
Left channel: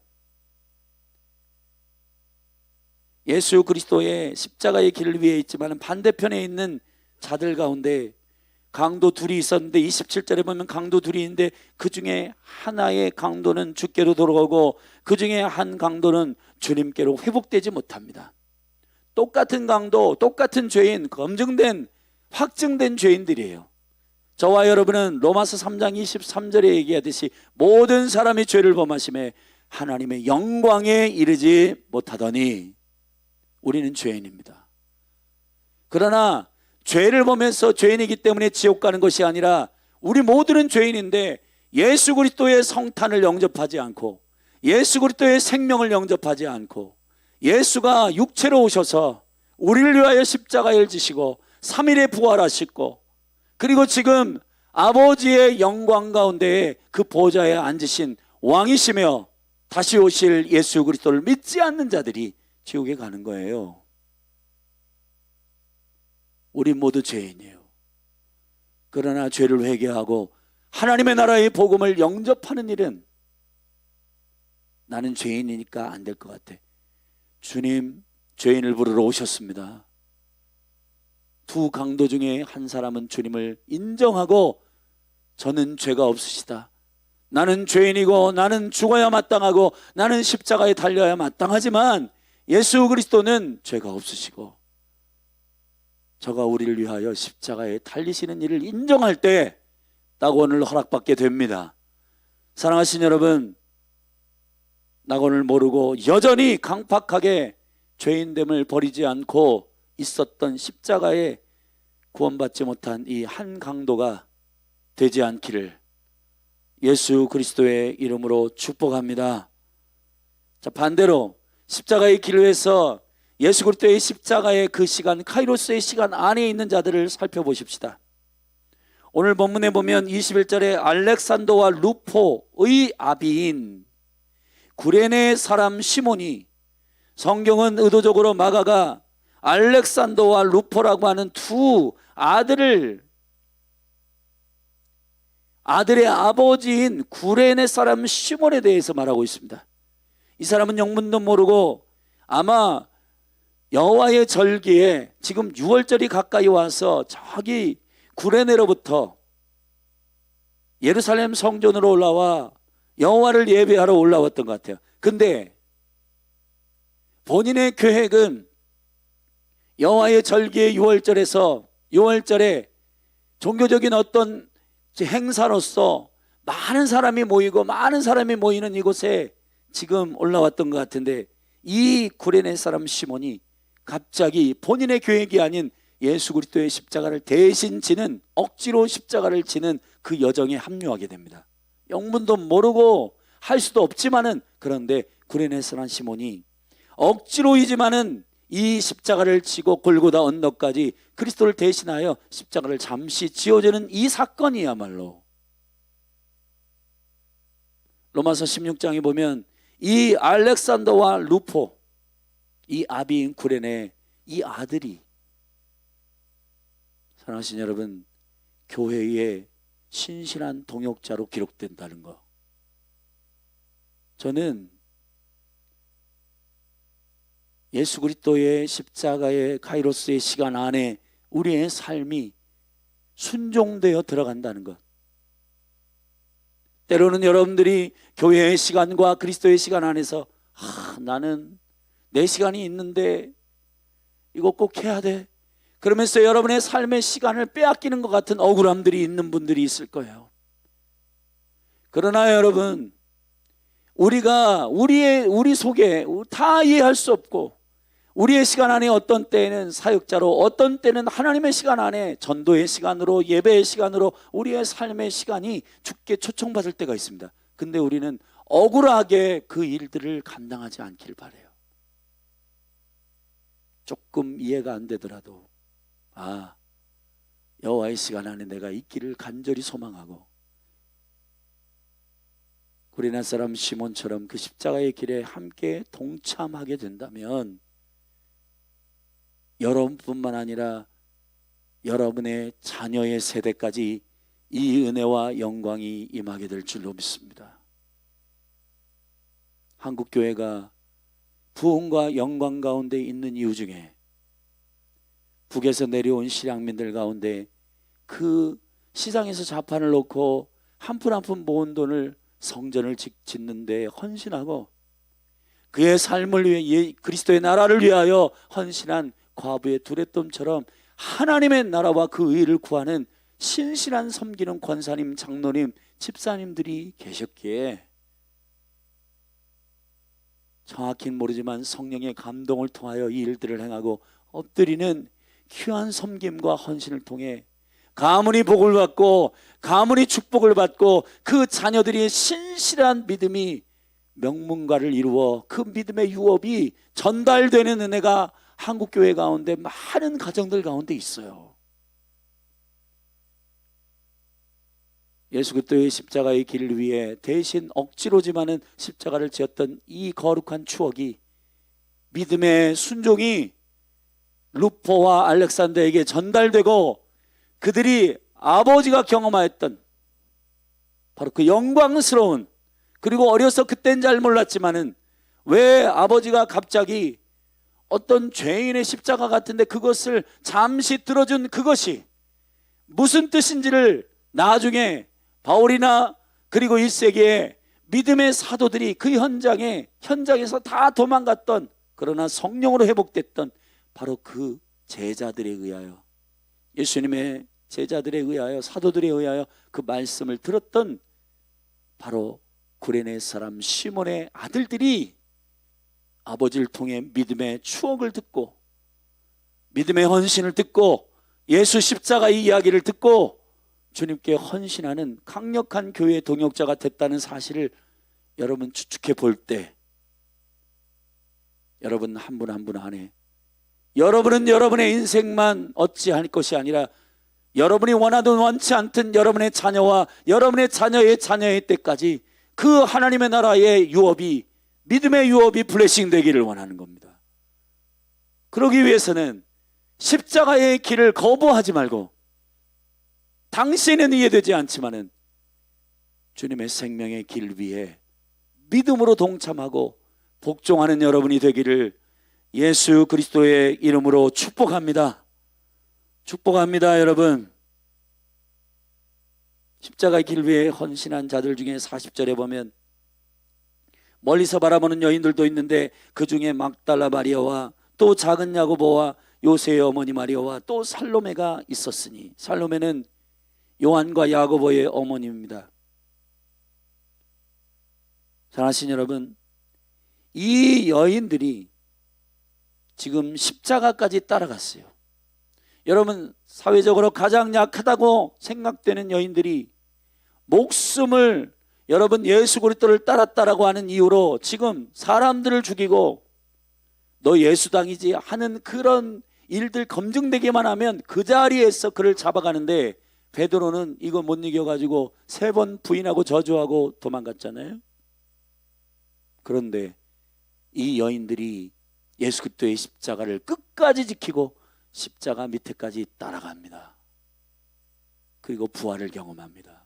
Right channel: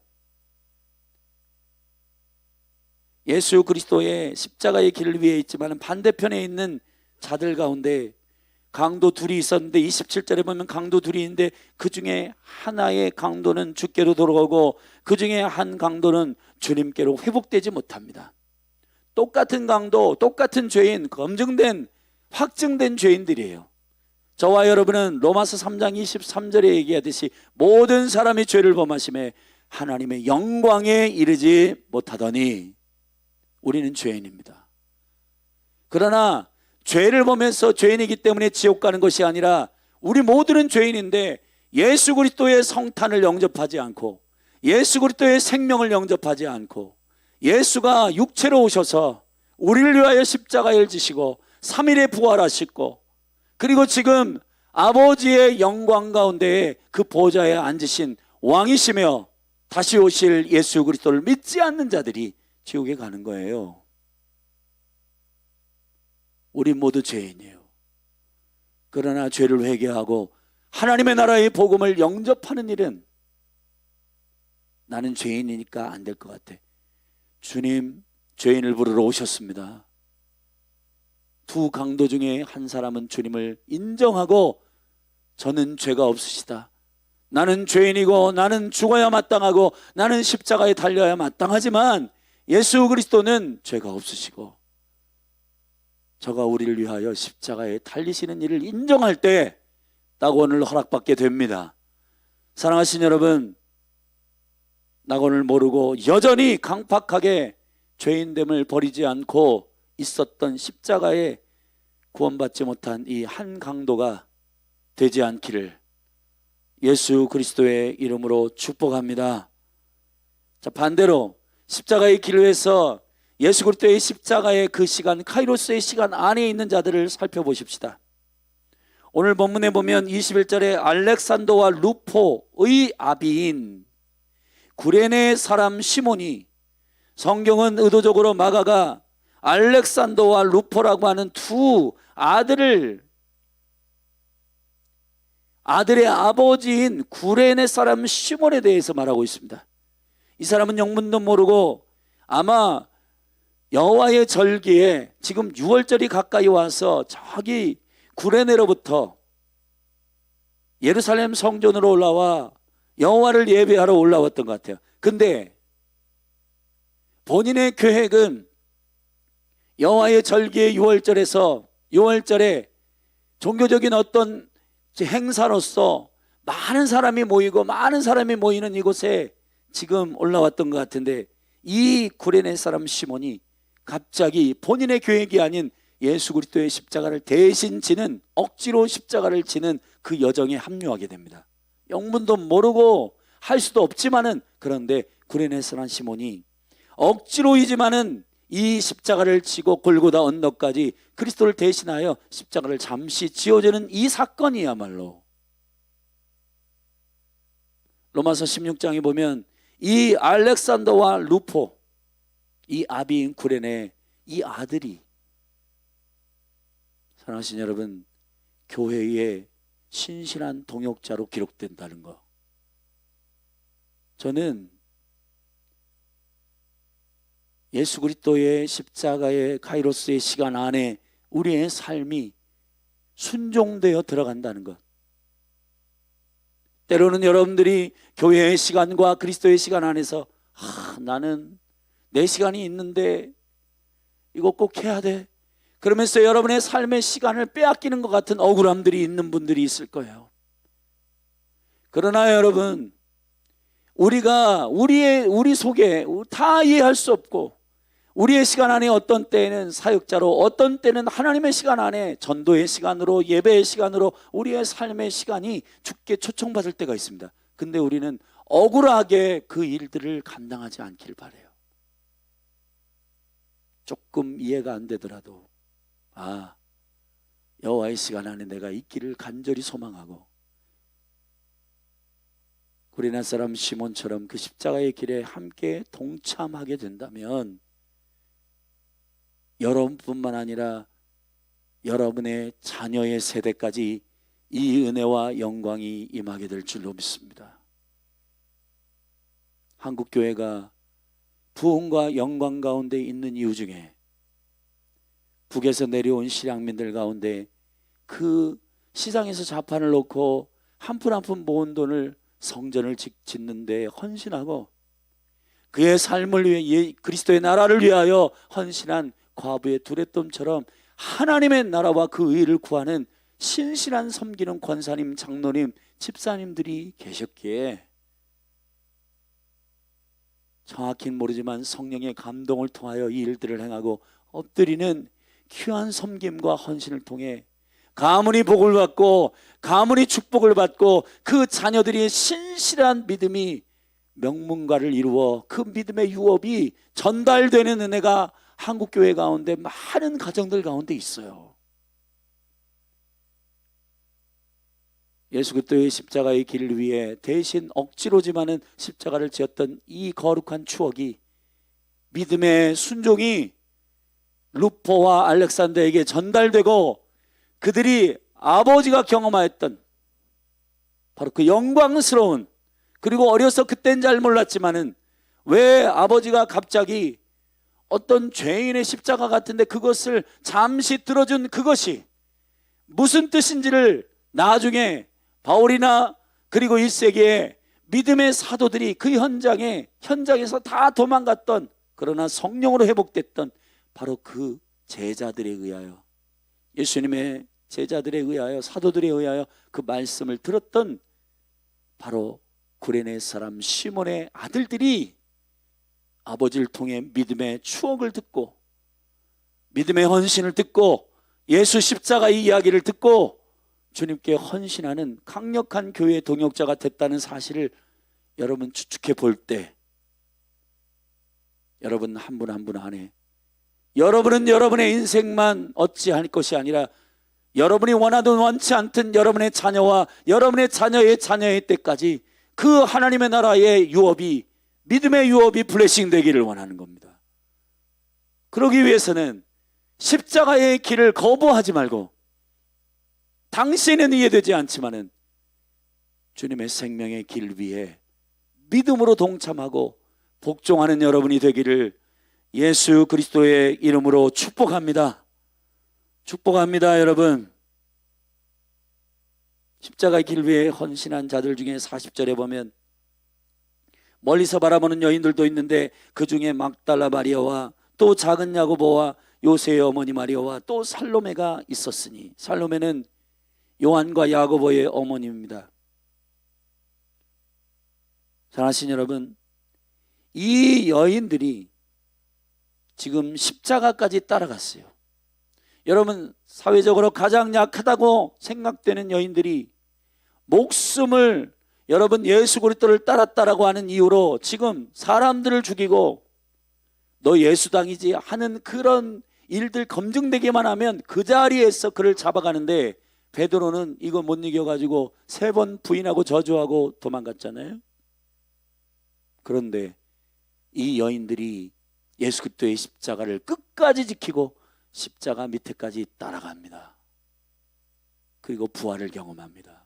예수 그리스도의 십자가의 길 위에 있지만 반대편에 있는 자들 가운데 강도 둘이 있었는데 27절에 보면 강도 둘이 있는데 그 중에 하나의 강도는 주께로 돌아가고 그 중에 한 강도는 주님께로 회복되지 못합니다. 똑같은 강도, 똑같은 죄인, 검증된 확증된 죄인들이에요. 저와 여러분은 로마서 3장 23절에 얘기하듯이 모든 사람이 죄를 범하심에 하나님의 영광에 이르지 못하더니 우리는 죄인입니다. 그러나 죄를 범해서 죄인이기 때문에 지옥 가는 것이 아니라 우리 모두는 죄인인데 예수 그리스도의 성탄을 영접하지 않고 예수 그리스도의 생명을 영접하지 않고 예수가 육체로 오셔서 우리를 위하여 십자가를 지시고 3일에 부활하시고 그리고 지금 아버지의 영광 가운데에 그 보좌에 앉으신 왕이시며 다시 오실 예수 그리스도를 믿지 않는 자들이 지옥에 가는 거예요. 우리 모두 죄인이에요. 그러나 죄를 회개하고 하나님의 나라의 복음을 영접하는 일은 나는 죄인이니까 안 될 것 같아. 주님, 죄인을 부르러 오셨습니다. 두 강도 중에 한 사람은 주님을 인정하고 저는 죄가 없으시다. 나는 죄인이고 나는 죽어야 마땅하고 나는 십자가에 달려야 마땅하지만 예수 그리스도는 죄가 없으시고 저가 우리를 위하여 십자가에 달리시는 일을 인정할 때 낙원을 허락받게 됩니다. 사랑하신 여러분, 낙원을 모르고 여전히 강팍하게 죄인됨을 버리지 않고 있었던 십자가에 구원받지 못한 이 한 강도가 되지 않기를 예수 그리스도의 이름으로 축복합니다. 자, 반대로 십자가의 길을 위해서 예수 그리스도의 십자가의 그 시간, 카이로스의 시간 안에 있는 자들을 살펴보십시다. 오늘 본문에 보면 21절에 알렉산더와 루포의 아비인 구레네 사람 시몬이, 성경은 의도적으로 마가가 알렉산더와 루포라고 하는 두 아들의 아버지인 구레네 사람 시몬에 대해서 말하고 있습니다. 이 사람은 영문도 모르고 아마 여호와의 절기에 지금 6월절이 가까이 와서 저기 구레네로부터 예루살렘 성전으로 올라와 여호와를 예배하러 올라왔던 것 같아요. 근데 본인의 계획은 여호와의 절기의 6월절에 종교적인 어떤 행사로서 많은 사람이 모이는 이곳에 지금 올라왔던 것 같은데 이 구레네 사람 시몬이 갑자기 본인의 계획이 아닌 예수 그리스도의 십자가를 대신 지는, 억지로 십자가를 지는 그 여정에 합류하게 됩니다. 영문도 모르고 할 수도 없지만은, 그런데 구레네 사람 시몬이 억지로이지만은 이 십자가를 지고 골고다 언덕까지 그리스도를 대신하여 십자가를 잠시 지어주는 이 사건이야말로 로마서 16장에 보면 이 알렉산더와 루포, 이 아비인 구레네 이 아들이, 사랑하신 여러분, 교회의 신실한 동역자로 기록된다는 거, 저는 예수 그리스도의 십자가의 카이로스의 시간 안에 우리의 삶이 순종되어 들어간다는 것. 때로는 여러분들이 교회의 시간과 그리스도의 시간 안에서 나는 내 시간이 있는데 이거 꼭 해야 돼, 그러면서 여러분의 삶의 시간을 빼앗기는 것 같은 억울함들이 있는 분들이 있을 거예요. 그러나 여러분, 우리가 우리 속에 다 이해할 수 없고, 우리의 시간 안에 어떤 때는 사역자로, 어떤 때는 하나님의 시간 안에 전도의 시간으로, 예배의 시간으로 우리의 삶의 시간이 주께 초청받을 때가 있습니다. 근데 우리는 억울하게 그 일들을 감당하지 않길 바라요. 조금 이해가 안 되더라도 여호와의 시간 안에 내가 있기를 간절히 소망하고 구레네 사람 시몬처럼 그 십자가의 길에 함께 동참하게 된다면 여러분뿐만 아니라 여러분의 자녀의 세대까지 이 은혜와 영광이 임하게 될 줄로 믿습니다. 한국교회가 부흥과 영광 가운데 있는 이유 중에 북에서 내려온 실향민들 가운데 그 시장에서 자판을 놓고 한 푼 한 푼 모은 돈을 성전을 짓는 데 헌신하고 그의 삶을 위해 그리스도의 나라를 위하여 헌신한 과부의 두레돈처럼 하나님의 나라와 그 의를 구하는 신실한 섬기는 권사님, 장로님, 집사님들이 계셨기에 정확히는 모르지만 성령의 감동을 통하여 이 일들을 행하고 엎드리는 귀한 섬김과 헌신을 통해 가문이 복을 받고 가문이 축복을 받고 그 자녀들이 신실한 믿음이 명문가를 이루어 그 믿음의 유업이 전달되는 은혜가 한국교회 가운데 많은 가정들 가운데 있어요. 예수 그리스도의 십자가의 길을 위해 대신 억지로지만은 십자가를 지었던 이 거룩한 추억이 믿음의 순종이 루포와 알렉산더에게 전달되고 그들이 아버지가 경험하였던 바로 그 영광스러운, 그리고 어려서 그땐 잘 몰랐지만은 왜 아버지가 갑자기 어떤 죄인의 십자가 같은데 그것을 잠시 들어준 그것이 무슨 뜻인지를 나중에 바울이나 그리고 1세기의 믿음의 사도들이 그 현장에서 다 도망갔던, 그러나 성령으로 회복됐던 바로 그 제자들에 의하여, 예수님의 제자들에 의하여, 사도들에 의하여 그 말씀을 들었던 바로 구레네 사람 시몬의 아들들이 아버지를 통해 믿음의 추억을 듣고 믿음의 헌신을 듣고 예수 십자가의 이야기를 듣고 주님께 헌신하는 강력한 교회의 동역자가 됐다는 사실을 여러분 추측해 볼 때, 여러분 한 분 한 분 안에 여러분은 여러분의 인생만 어찌할 것이 아니라 여러분이 원하든 원치 않든 여러분의 자녀와 여러분의 자녀의 자녀의 때까지 그 하나님의 나라의 유업이, 믿음의 유업이 블레싱 되기를 원하는 겁니다. 그러기 위해서는 십자가의 길을 거부하지 말고, 당시에는 이해되지 않지만은 주님의 생명의 길 위에 믿음으로 동참하고 복종하는 여러분이 되기를 예수 그리스도의 이름으로 축복합니다. 축복합니다. 여러분, 십자가의 길 위에 헌신한 자들 중에 40절에 보면 멀리서 바라보는 여인들도 있는데 그 중에 막달라 마리아와 또 작은 야고보와 요새의 어머니 마리아와 또 살로메가 있었으니, 살로메는 요한과 야고보의 어머니입니다. 사랑하신 여러분, 이 여인들이 지금 십자가까지 따라갔어요. 여러분, 사회적으로 가장 약하다고 생각되는 여인들이 목숨을 여러분 예수 그리스도를 따랐다라고 하는 이유로 지금 사람들을 죽이고 너 예수당이지 하는 그런 일들 검증되기만 하면 그 자리에서 그를 잡아가는데, 베드로는 이거 못 이겨가지고 3번 부인하고 저주하고 도망갔잖아요. 그런데 이 여인들이 예수 그리스도의 십자가를 끝까지 지키고 십자가 밑에까지 따라갑니다. 그리고 부활을 경험합니다.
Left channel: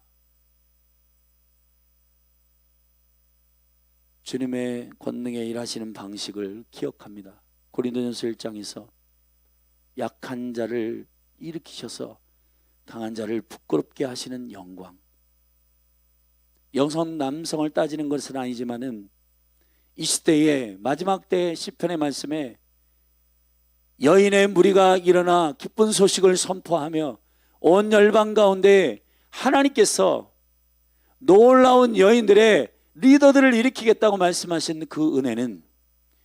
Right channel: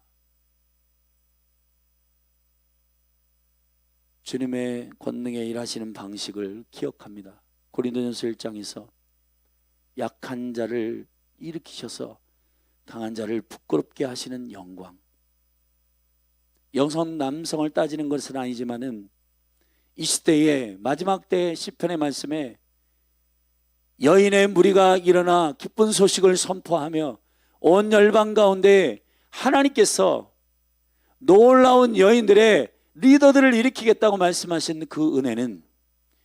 주님의 권능에 일하시는 방식을 기억합니다. 고린도전서 1장에서 약한 자를 일으키셔서 강한 자를 부끄럽게 하시는 영광. 여성 남성을 따지는 것은 아니지만은 이 시대의 마지막 때 시편의 말씀에 여인의 무리가 일어나 기쁜 소식을 선포하며 온 열방 가운데 하나님께서 놀라운 여인들의 리더들을 일으키겠다고 말씀하신 그 은혜는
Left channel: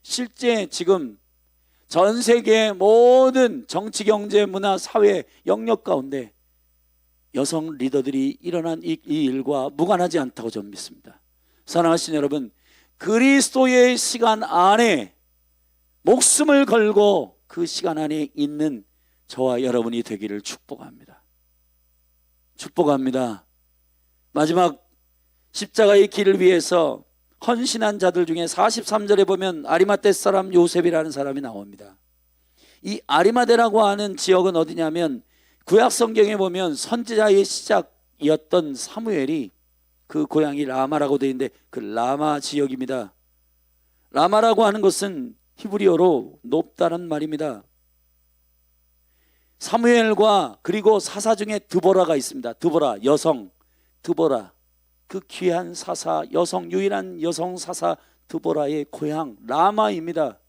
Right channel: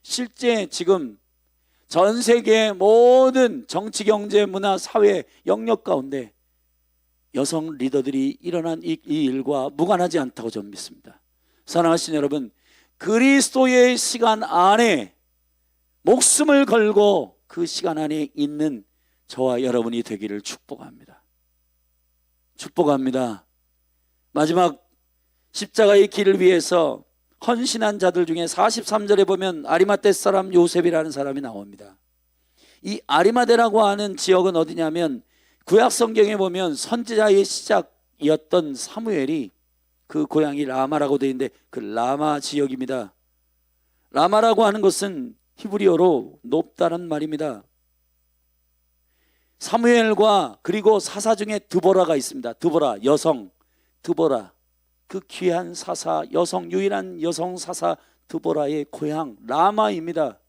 실제 지금 전 세계의 모든 정치, 경제, 문화, 사회 영역 가운데 여성 리더들이 일어난 이 일과 무관하지 않다고 저는 믿습니다. 사랑하신 여러분, 그리스도의 시간 안에 목숨을 걸고 그 시간 안에 있는 저와 여러분이 되기를 축복합니다. 축복합니다. 마지막 십자가의 길을 위해서 헌신한 자들 중에 43절에 보면 아리마대 사람 요셉이라는 사람이 나옵니다. 이 아리마대라고 하는 지역은 어디냐면 구약 성경에 보면 선지자의 시작이었던 사무엘이 그 고향이 라마라고 되어 있는데 그 라마 지역입니다. 라마라고 하는 것은 히브리어로 높다는 말입니다. 사무엘과 그리고 사사 중에 드보라가 있습니다. 드보라 여성, 드보라 그 귀한 사사, 여성, 유일한 여성 사사 드보라의 고향 라마입니다.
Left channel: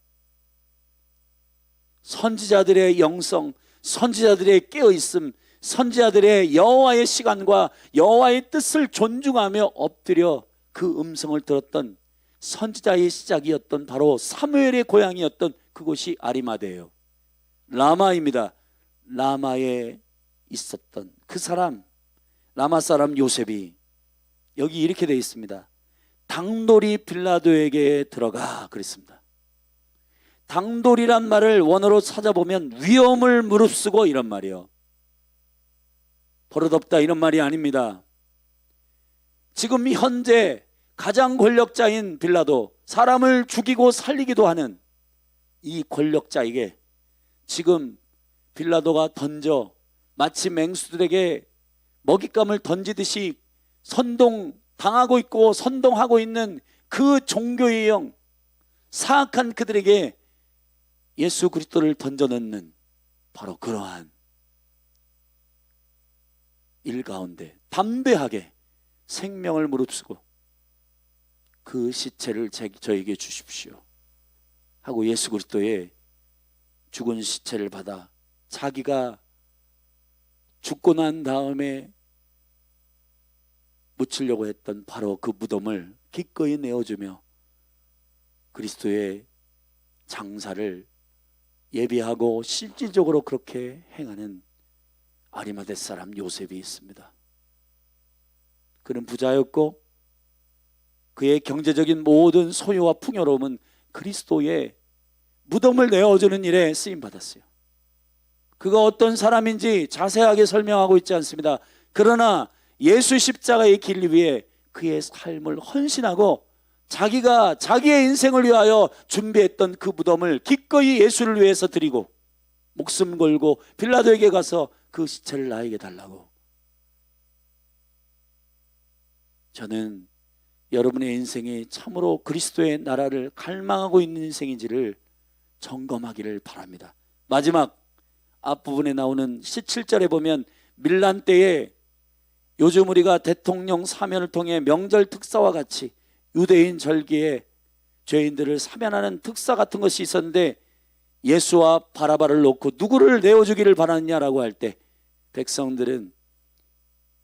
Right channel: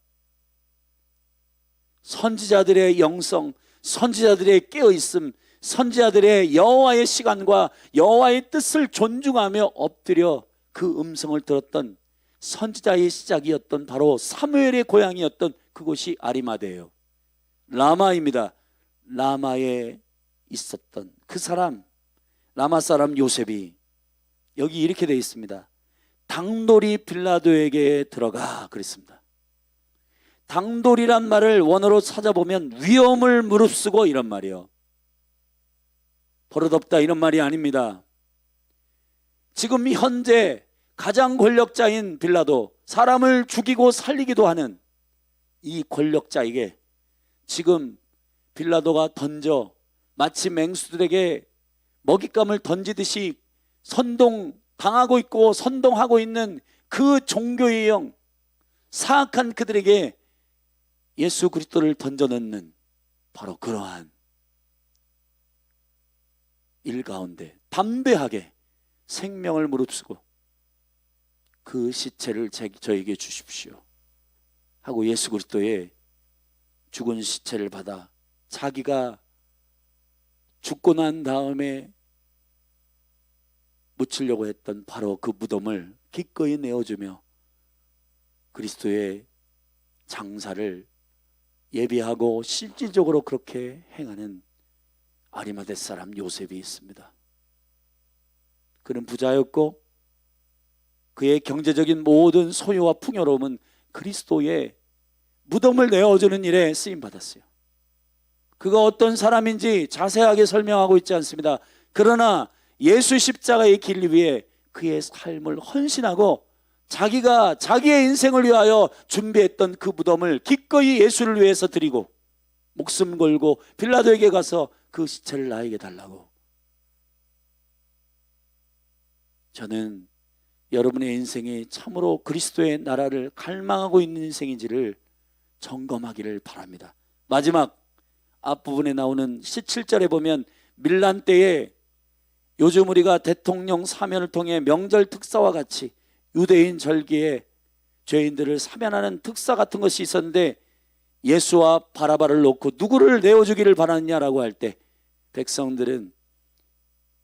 선지자들의 영성, 선지자들의 깨어있음, 선지자들의 여호와의 시간과 여호와의 뜻을 존중하며 엎드려 그 음성을 들었던 선지자의 시작이었던 바로 사무엘의 고향이었던 그곳이 아리마대예요. 라마입니다. 라마에 있었던 그 사람, 라마 사람 요셉이 여기 이렇게 되어 있습니다. 당돌이 빌라도에게 들어가 그랬습니다. 당돌이란 말을 원어로 찾아보면 위험을 무릅쓰고 이런 말이에요. 버릇없다 이런 말이 아닙니다. 지금 현재 가장 권력자인 빌라도, 사람을 죽이고 살리기도 하는 이 권력자에게 지금 빌라도가 던져 마치 맹수들에게 먹잇감을 던지듯이 선동당하고 있고 선동하고 있는 그 종교의 영, 사악한 그들에게 예수 그리스도를 던져넣는 바로 그러한 일 가운데 담대하게 생명을 무릅쓰고 그 시체를 저에게 주십시오 하고 예수 그리스도의 죽은 시체를 받아 자기가 죽고 난 다음에 묻히려고 했던 바로 그 무덤을 기꺼이 내어주며 그리스도의 장사를 예비하고 실질적으로 그렇게 행하는 아리마대 사람 요셉이 있습니다. 그는 부자였고 그의 경제적인 모든 소유와 풍요로움은 그리스도의 무덤을 내어주는 일에 쓰임받았어요. 그가 어떤 사람인지 자세하게 설명하고 있지 않습니다. 그러나 예수 십자가의 길 위에 그의 삶을 헌신하고 자기가 자기의 인생을 위하여 준비했던 그 무덤을 기꺼이 예수를 위해서 드리고 목숨 걸고 빌라도에게 가서 그 시체를 나에게 달라고. 저는 여러분의 인생이 참으로 그리스도의 나라를 갈망하고 있는 인생인지를 점검하기를 바랍니다. 마지막 앞부분에 나오는 17절에 보면 밀란 때에 요즘 우리가 대통령 사면을 통해 명절 특사와 같이 유대인 절기에 죄인들을 사면하는 특사 같은 것이 있었는데 예수와 바라바를 놓고 누구를 내어주기를 바라느냐라고 할 때 백성들은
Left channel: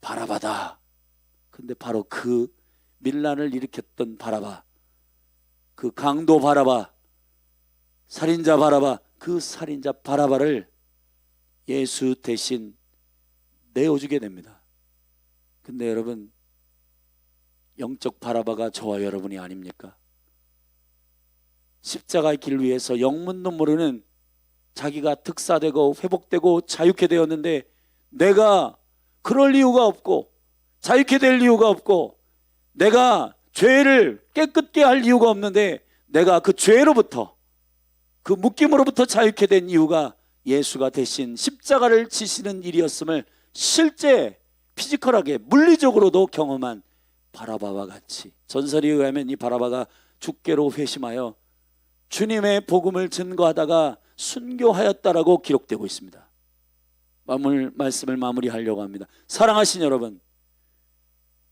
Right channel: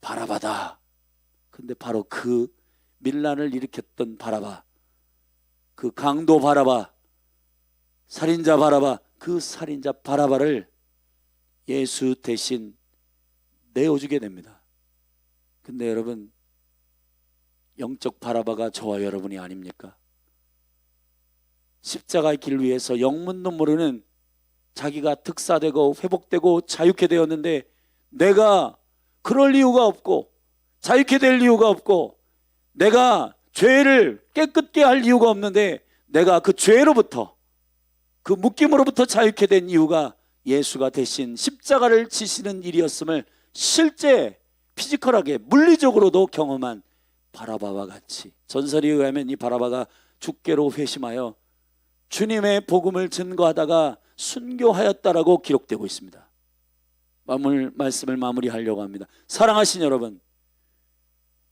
바라바다. 근데 바로 그 밀란을 일으켰던 바라바, 그 강도 바라바, 살인자 바라바, 그 살인자 바라바를 예수 대신 내어주게 됩니다. 근데 여러분, 영적 바라바가 저와 여러분이 아닙니까? 십자가의 길 위해서 영문도 모르는 자기가 특사되고 회복되고 자유케 되었는데 내가 그럴 이유가 없고 자유케 될 이유가 없고 내가 죄를 깨끗게 할 이유가 없는데 내가 그 죄로부터 그 묶임으로부터 자유케 된 이유가 예수가 대신 십자가를 지시는 일이었음을 실제 피지컬하게 물리적으로도 경험한 바라바와 같이 전설에 의하면 이 바라바가 죽게로 회심하여 주님의 복음을 증거하다가 순교하였다라고 기록되고 있습니다. 말씀을 마무리하려고 합니다. 사랑하신 여러분,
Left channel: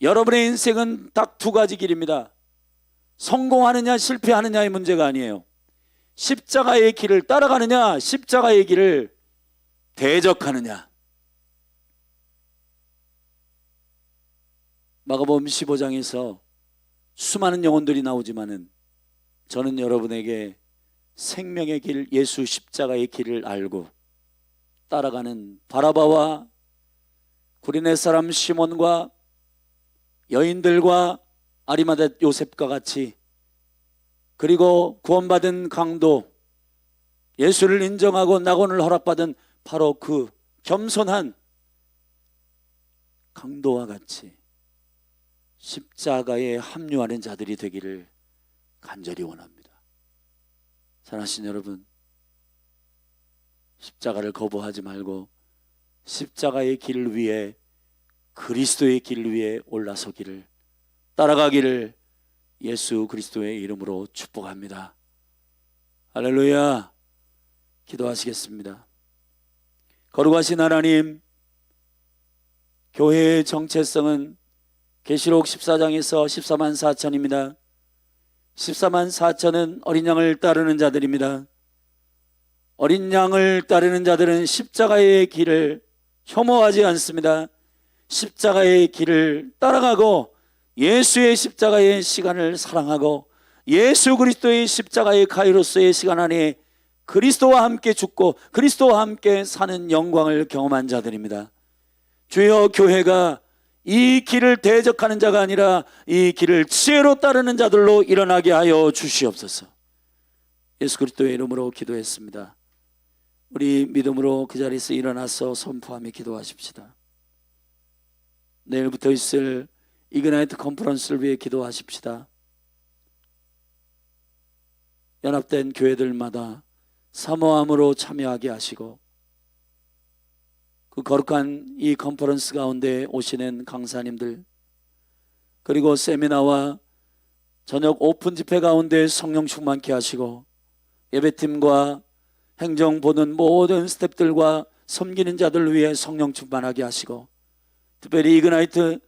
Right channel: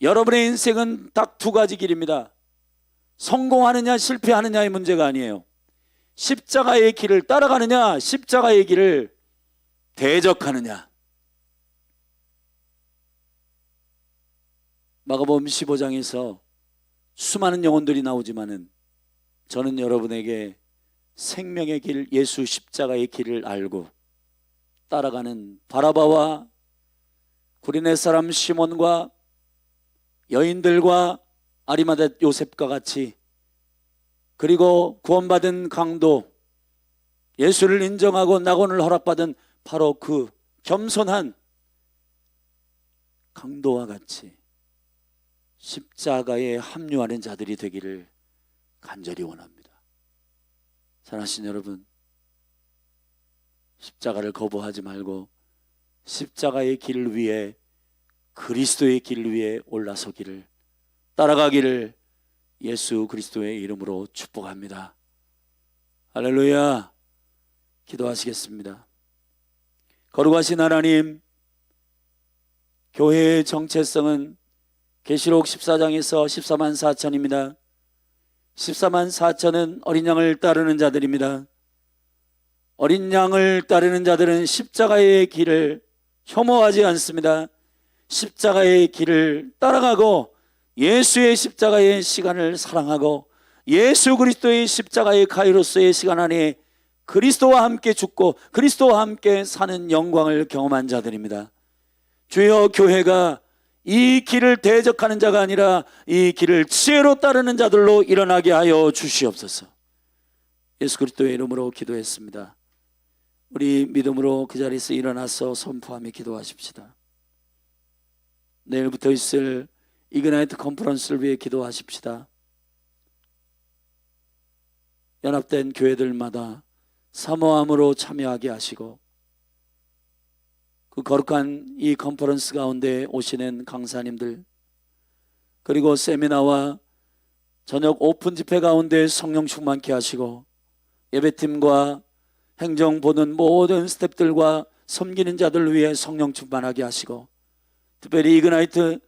여러분의 인생은 딱 두 가지 길입니다. 성공하느냐 실패하느냐의 문제가 아니에요. 십자가의 길을 따라가느냐 십자가의 길을 대적하느냐. 마가복음 15장에서 수많은 영혼들이 나오지만은 저는 여러분에게 생명의 길 예수 십자가의 길을 알고 따라가는 바라바와 구레네 사람 시몬과 여인들과 아리마대 요셉과 같이 그리고 구원받은 강도 예수를 인정하고 낙원을 허락받은 바로 그 겸손한 강도와 같이 십자가에 합류하는 자들이 되기를 간절히 원합니다. 사랑하신 여러분, 십자가를 거부하지 말고 십자가의 길 위에, 그리스도의 길 위에 올라서기를, 따라가기를 예수 그리스도의 이름으로 축복합니다. 할렐루야. 기도하시겠습니다. 거룩하신 하나님, 교회의 정체성은 계시록 14장에서 14만 4천입니다. 14만 4천은 어린 양을 따르는 자들입니다. 어린 양을 따르는 자들은 십자가의 길을 혐오하지 않습니다. 십자가의 길을 따라가고 예수의 십자가의 시간을 사랑하고 예수 그리스도의 십자가의 가이로스의 시간 안에 그리스도와 함께 죽고 그리스도와 함께 사는 영광을 경험한 자들입니다. 주여, 교회가 이 길을 대적하는 자가 아니라 이 길을 지혜로 따르는 자들로 일어나게 하여 주시옵소서. 예수 그리스도의 이름으로 기도했습니다. 우리 믿음으로 그 자리에서 일어나서 선포하며 기도하십시다. 내일부터 있을 이그나이트 컨퍼런스를 위해 기도하십시다. 연합된 교회들마다 사모함으로 참여하게 하시고 그 거룩한 이 컨퍼런스 가운데 오시는 강사님들, 그리고 세미나와 저녁 오픈 집회 가운데 성령 충만케 하시고 예배팀과 행정 보는 모든 스태프들과 섬기는 자들 위해 성령 충만하게 하시고, 특별히 이그나이트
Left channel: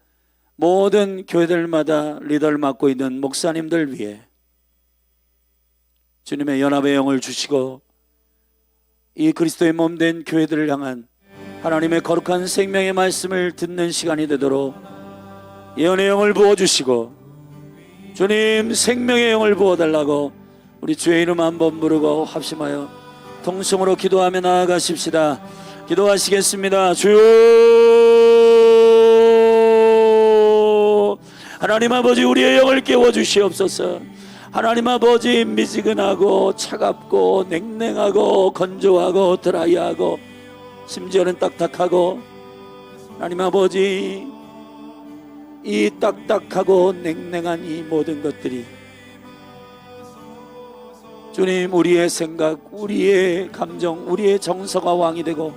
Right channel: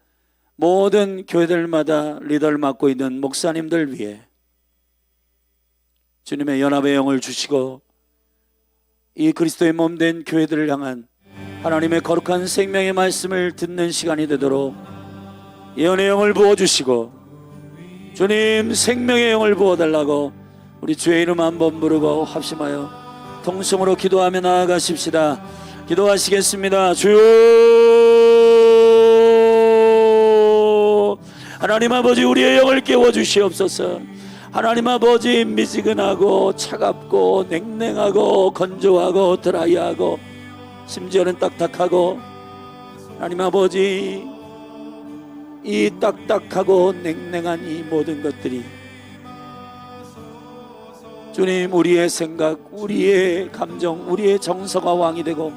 모든 교회들마다 리더를 맡고 있는 목사님들 위해 주님의 연합의 영을 주시고 이 그리스도의 몸된 교회들을 향한 하나님의 거룩한 생명의 말씀을 듣는 시간이 되도록 예언의 영을 부어주시고, 주님 생명의 영을 부어달라고 우리 주의 이름 한번 부르고 합심하여 통성으로 기도하며 나아가십시다. 기도하시겠습니다. 주여, 하나님 아버지, 우리의 영을 깨워주시옵소서. 하나님 아버지, 미지근하고 차갑고 냉랭하고 건조하고 드라이하고 심지어는 딱딱하고, 하나님 아버지, 이 딱딱하고 냉랭한 이 모든 것들이 주님, 우리의 생각, 우리의 감정, 우리의 정서가 왕이 되고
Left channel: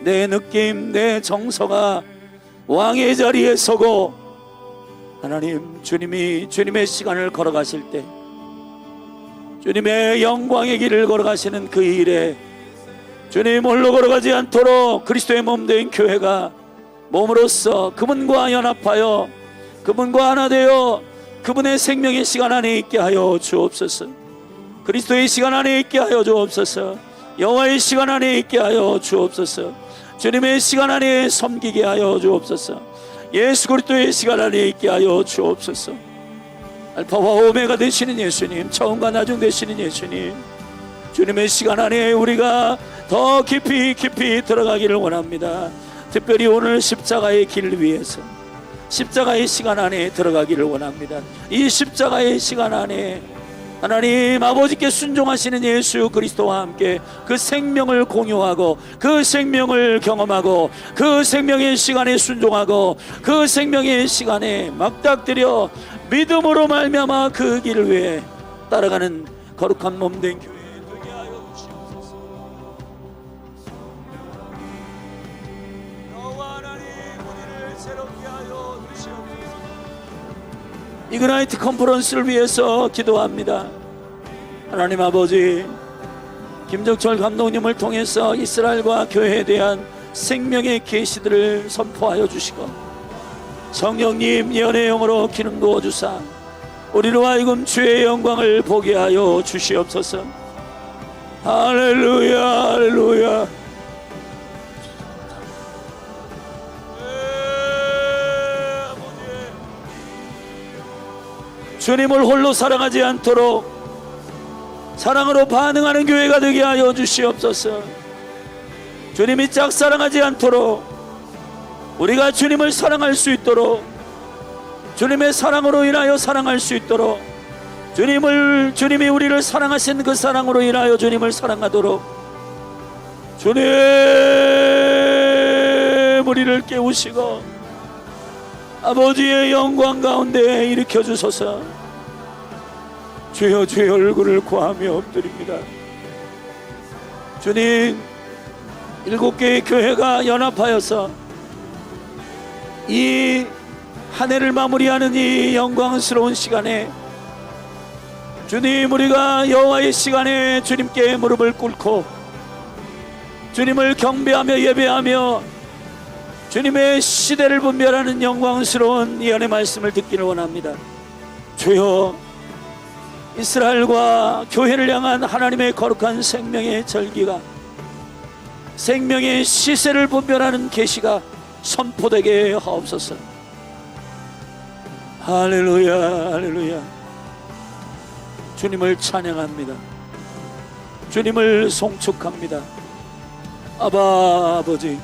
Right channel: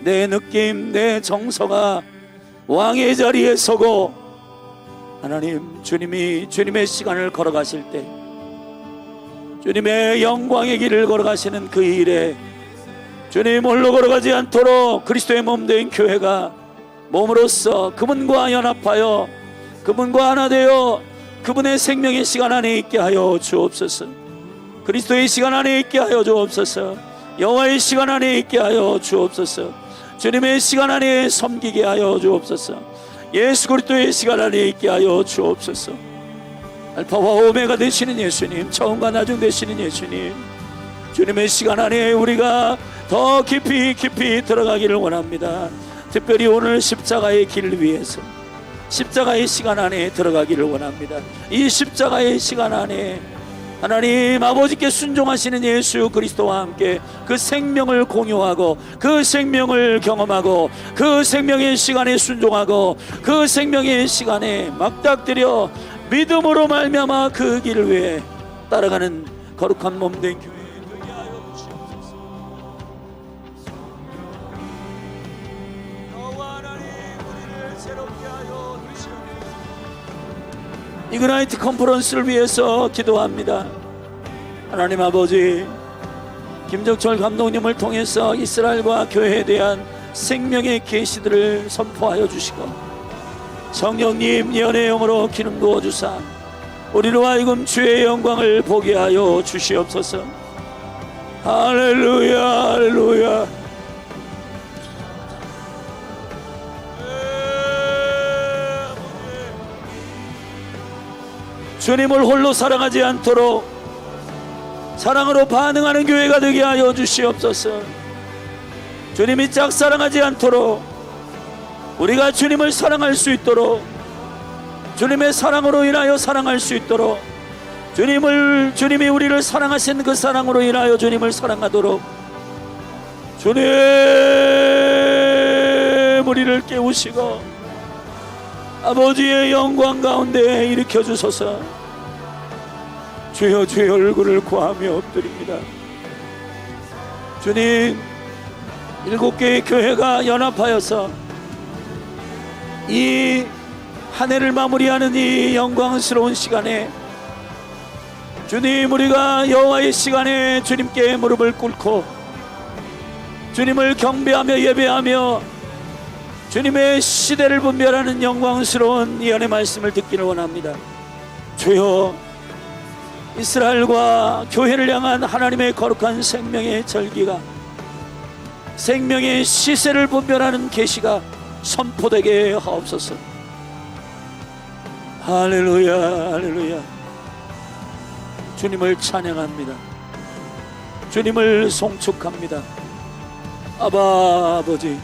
내 느낌, 내 정서가 왕의 자리에 서고, 하나님, 주님이 주님의 시간을 걸어가실 때, 주님의 영광의 길을 걸어가시는 그 일에 주님 홀로 걸어가지 않도록 그리스도의 몸된 교회가 몸으로써 그분과 연합하여 그분과 하나 되어 그분의 생명의 시간 안에 있게 하여 주옵소서. 그리스도의 시간 안에 있게 하여 주옵소서. 여호와의 시간 안에 있게 하여 주옵소서. 주님의 시간 안에 섬기게 하여 주옵소서. 예수 그리스도의 시간 안에 있게 하여 주옵소서. 알파와 오메가 되시는 예수님, 처음과 나중 되시는 예수님, 주님의 시간 안에 우리가 더 깊이 들어가기를 원합니다. 특별히 오늘 십자가의 길을 위해서 십자가의 시간 안에 들어가기를 원합니다. 이 십자가의 시간 안에 하나님 아버지께 순종하시는 예수 그리스도와 함께 그 생명을 공유하고 그 생명을 경험하고 그 생명의 시간에 순종하고 그 생명의 시간에 막닥뜨려 믿음으로 말미암아 그 길을 위해 따라가는 거룩한 몸된 교회 되게 하여 주시옵소서. 여호와 하나님, 우리를 새롭게 하여 주시옵소서. 이그나이트 컨퍼런스를 위해서 기도합니다. 하나님 아버지, 김정철 감독님을 통해서 이스라엘과 교회에 대한 생명의 계시들을 선포하여 주시고, 성령님 예언의 영으로 기름 부어주사 우리로 하여금 주의 영광을 보게 하여 주시옵소서. 할렐루야, 할렐루야. 주님을 홀로 사랑하지 않도록 사랑으로 반응하는 교회가 되게 하여 주시옵소서. 주님이 짝사랑하지 않도록 우리가 주님을 사랑할 수 있도록, 주님의 사랑으로 인하여 사랑할 수 있도록 주님이 우리를 사랑하신 그 사랑으로 인하여 주님을 사랑하도록 주님 우리를 깨우시고 아버지의 영광 가운데 일으켜 주소서. 주여, 주의 얼굴을 구하며 엎드립니다. 주님, 7개의 교회가 연합하여서 이 한 해를 마무리하는 이 영광스러운 시간에 주님, 우리가 여호와의 시간에 주님께 무릎을 꿇고 주님을 경배하며 예배하며 주님의 시대를 분별하는 영광스러운 예언의 말씀을 듣기를 원합니다. 주여, 이스라엘과 교회를 향한 하나님의 거룩한 생명의 절기가, 생명의 시세를 분별하는 계시가 선포되게 하옵소서. 할렐루야, 할렐루야. 주님을 찬양합니다. 주님을 송축합니다. 아바 아버지,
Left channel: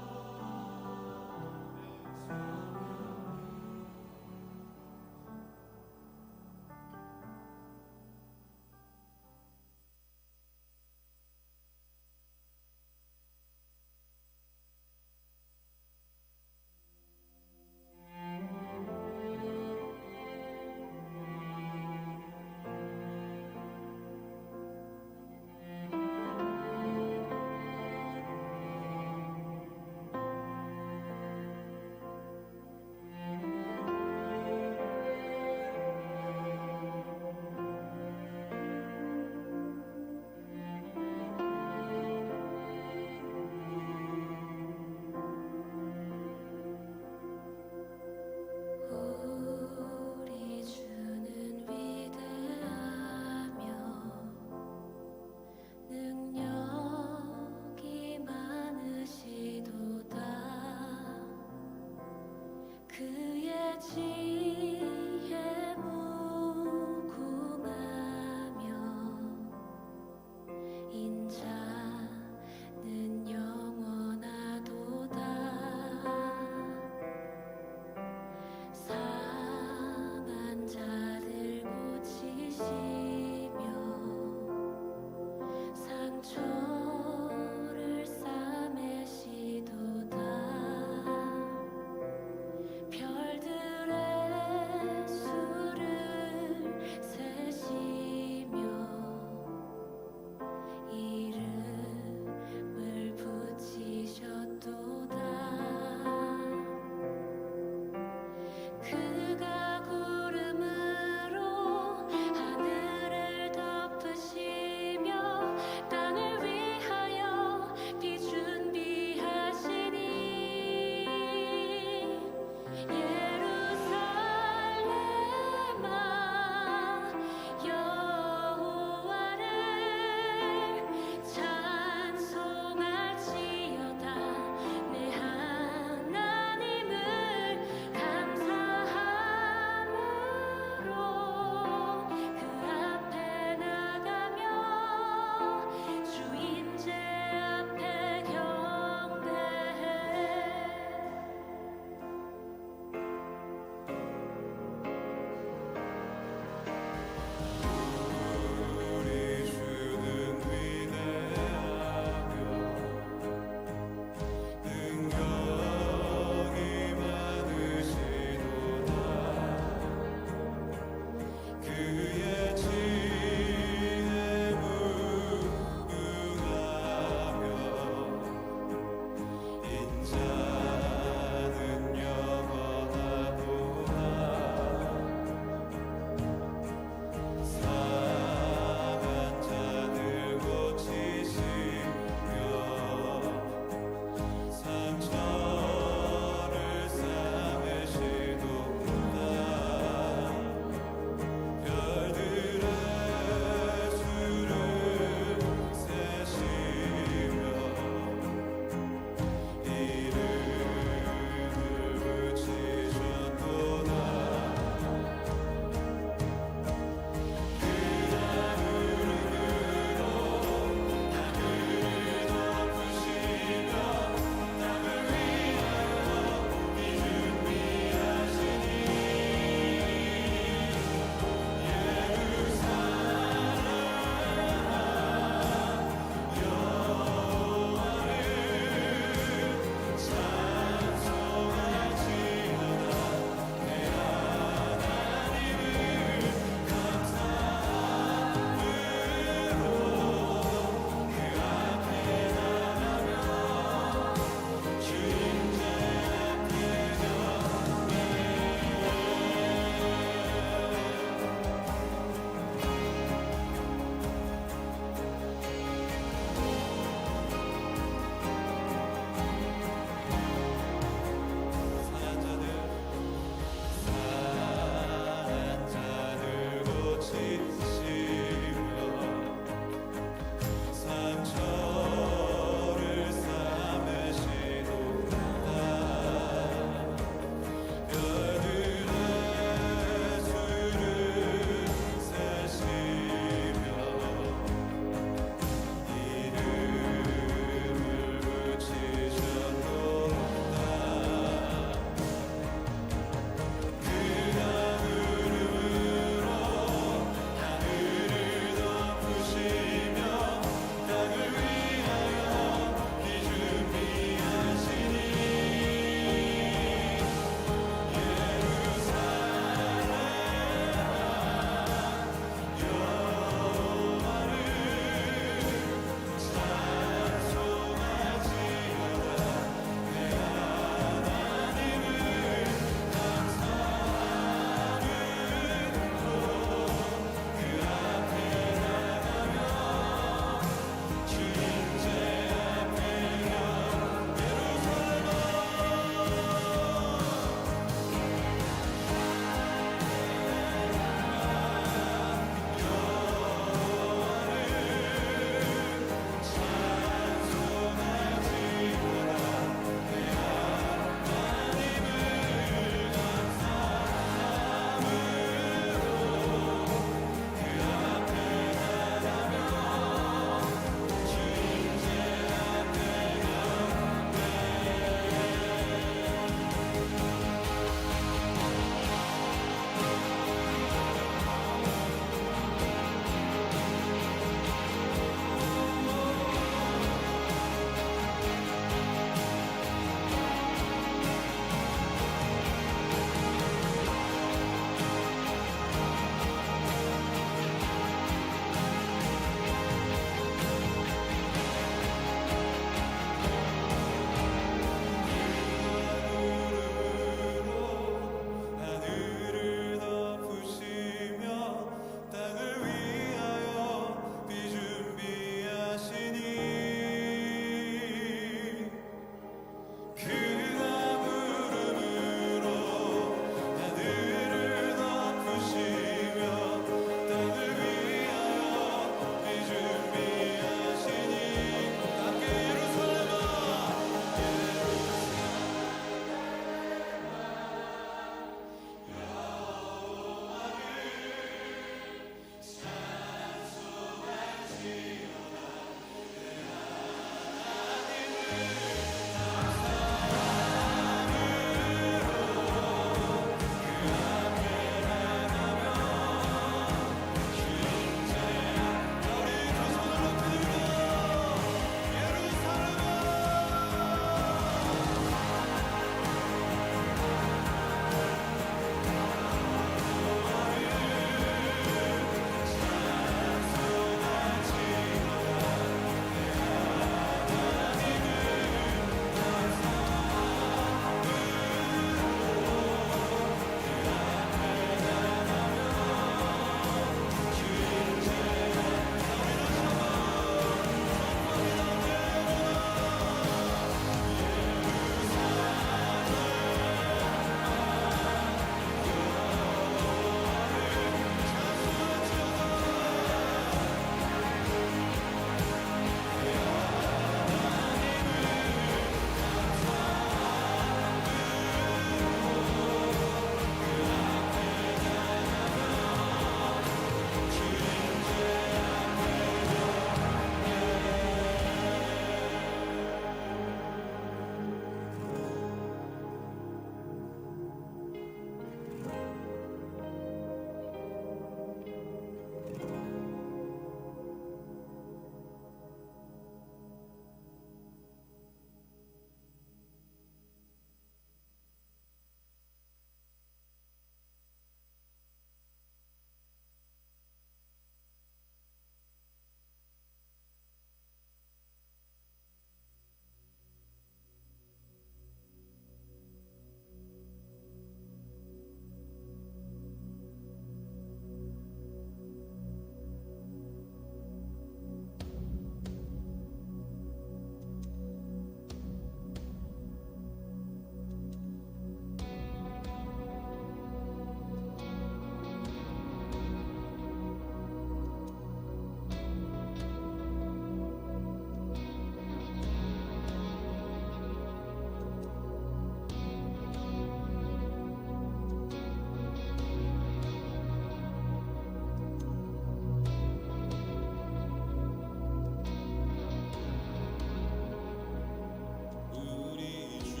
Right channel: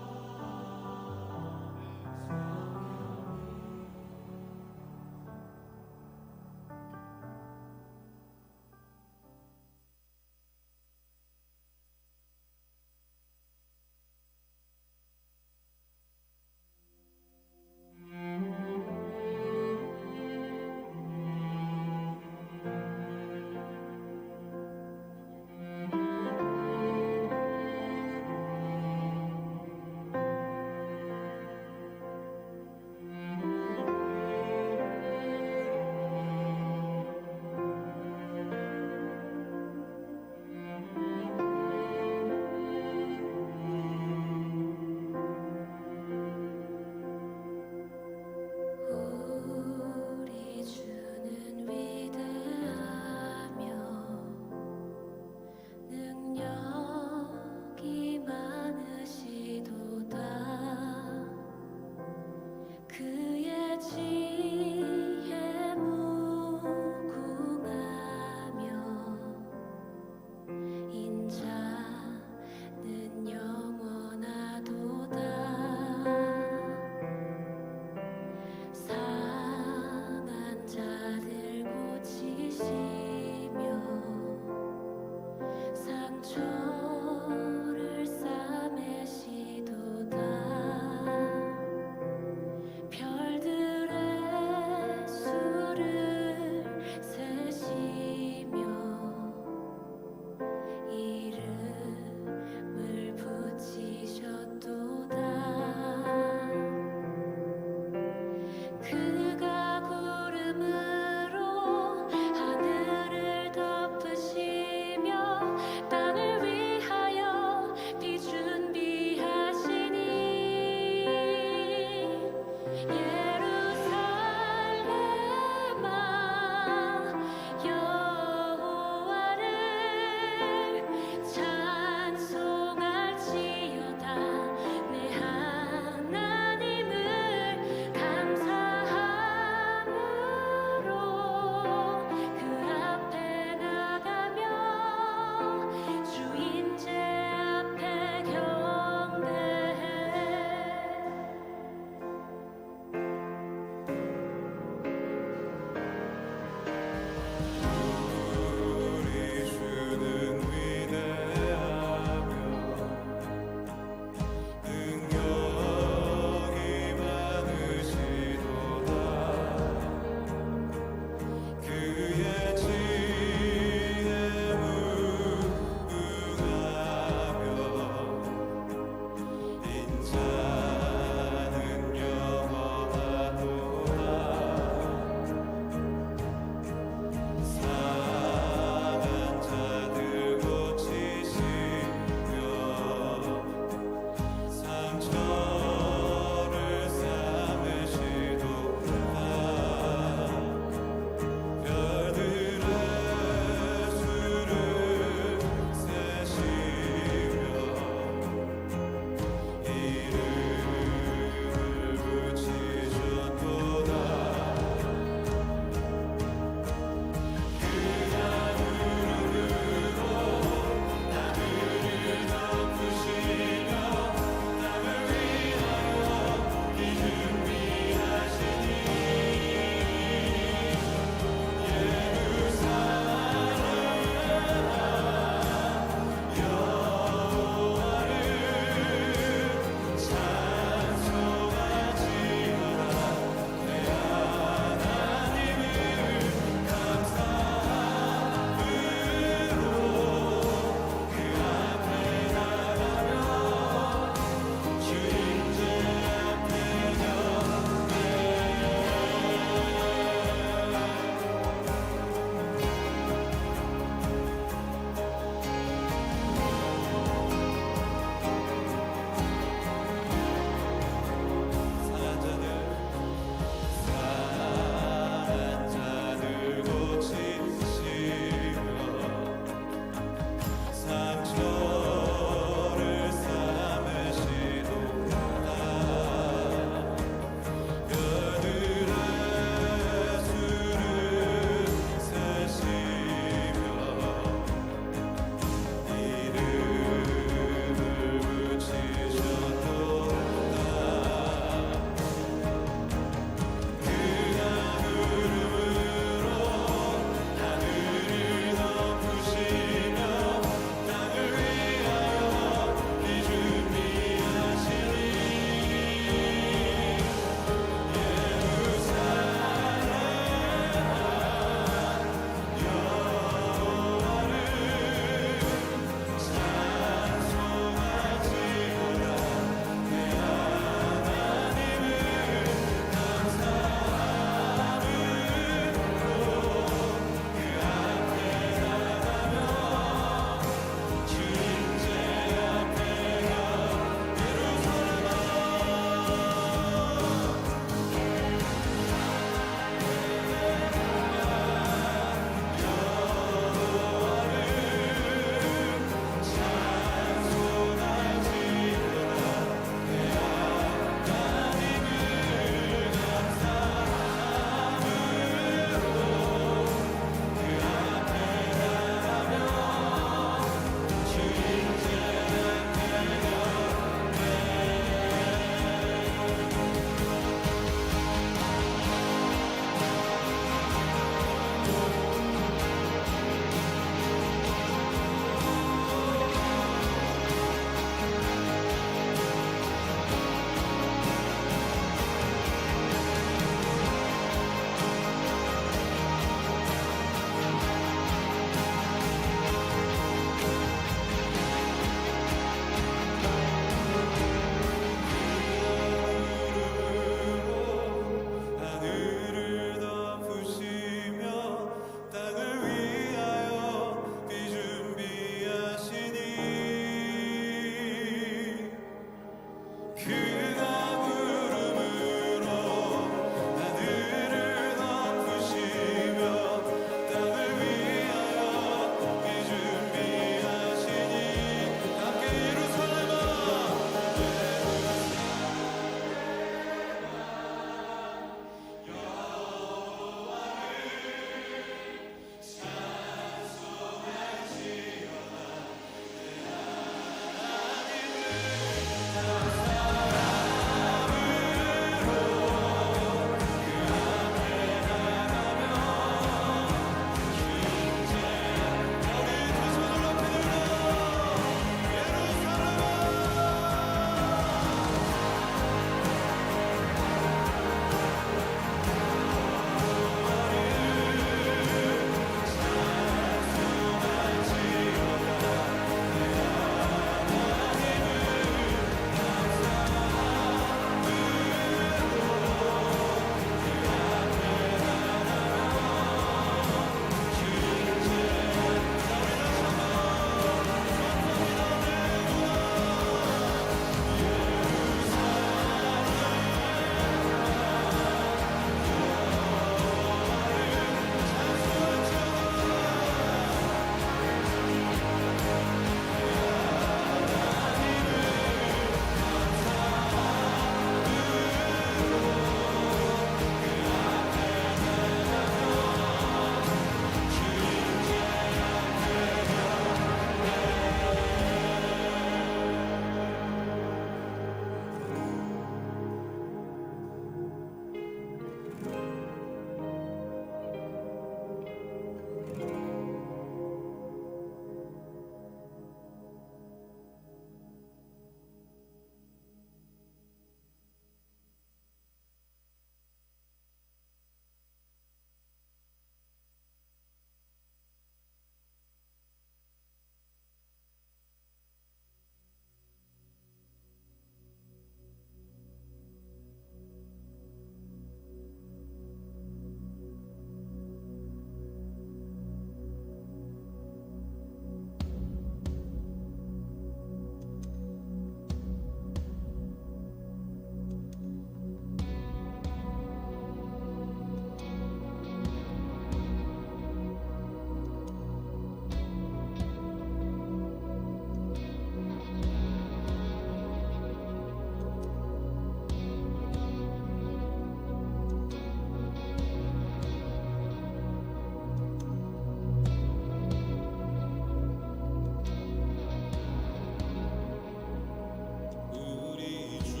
우리 주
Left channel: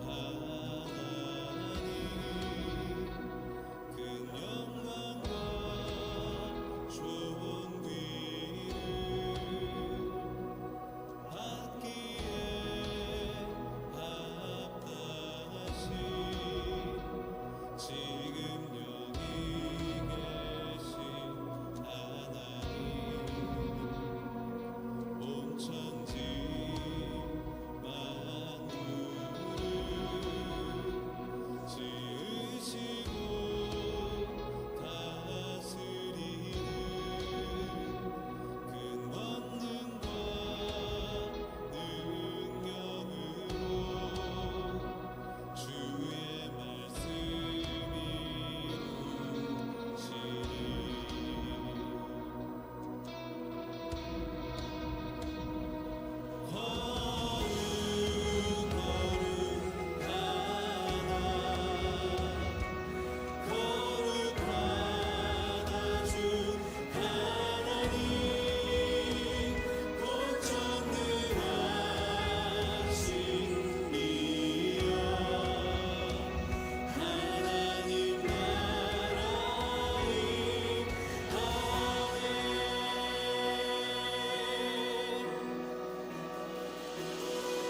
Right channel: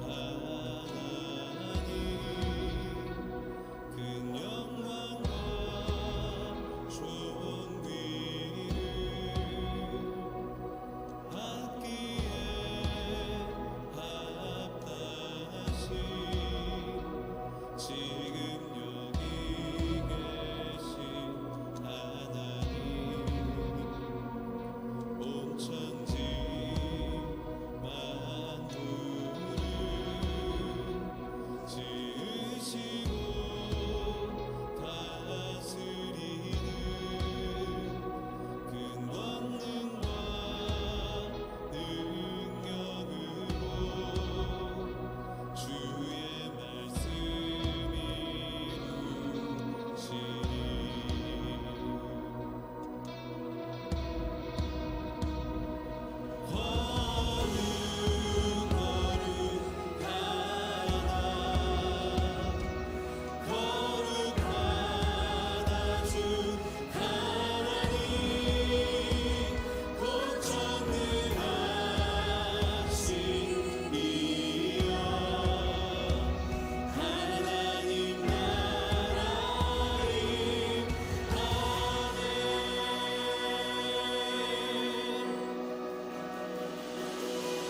하나님 큰 영광과 존귀를 받기에 합당하신 지금 여기 계신 하나님 온 천지 만물을 지으시고 다스리는 큰 권능과 능력으로 주의 말씀 이루시리 거룩하다 주 하나님 곧 전능하신 이여 하나님 나라의 달에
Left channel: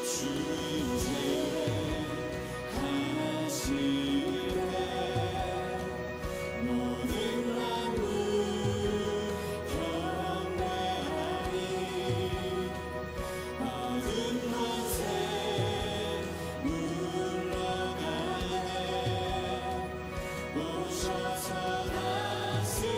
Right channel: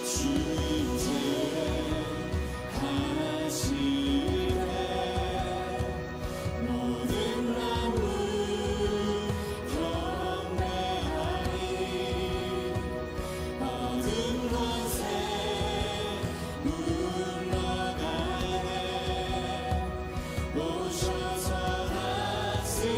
주임새 하실 때 모든 만물 경배하니 어둠 권세 물러가네 오셔서 다스리소서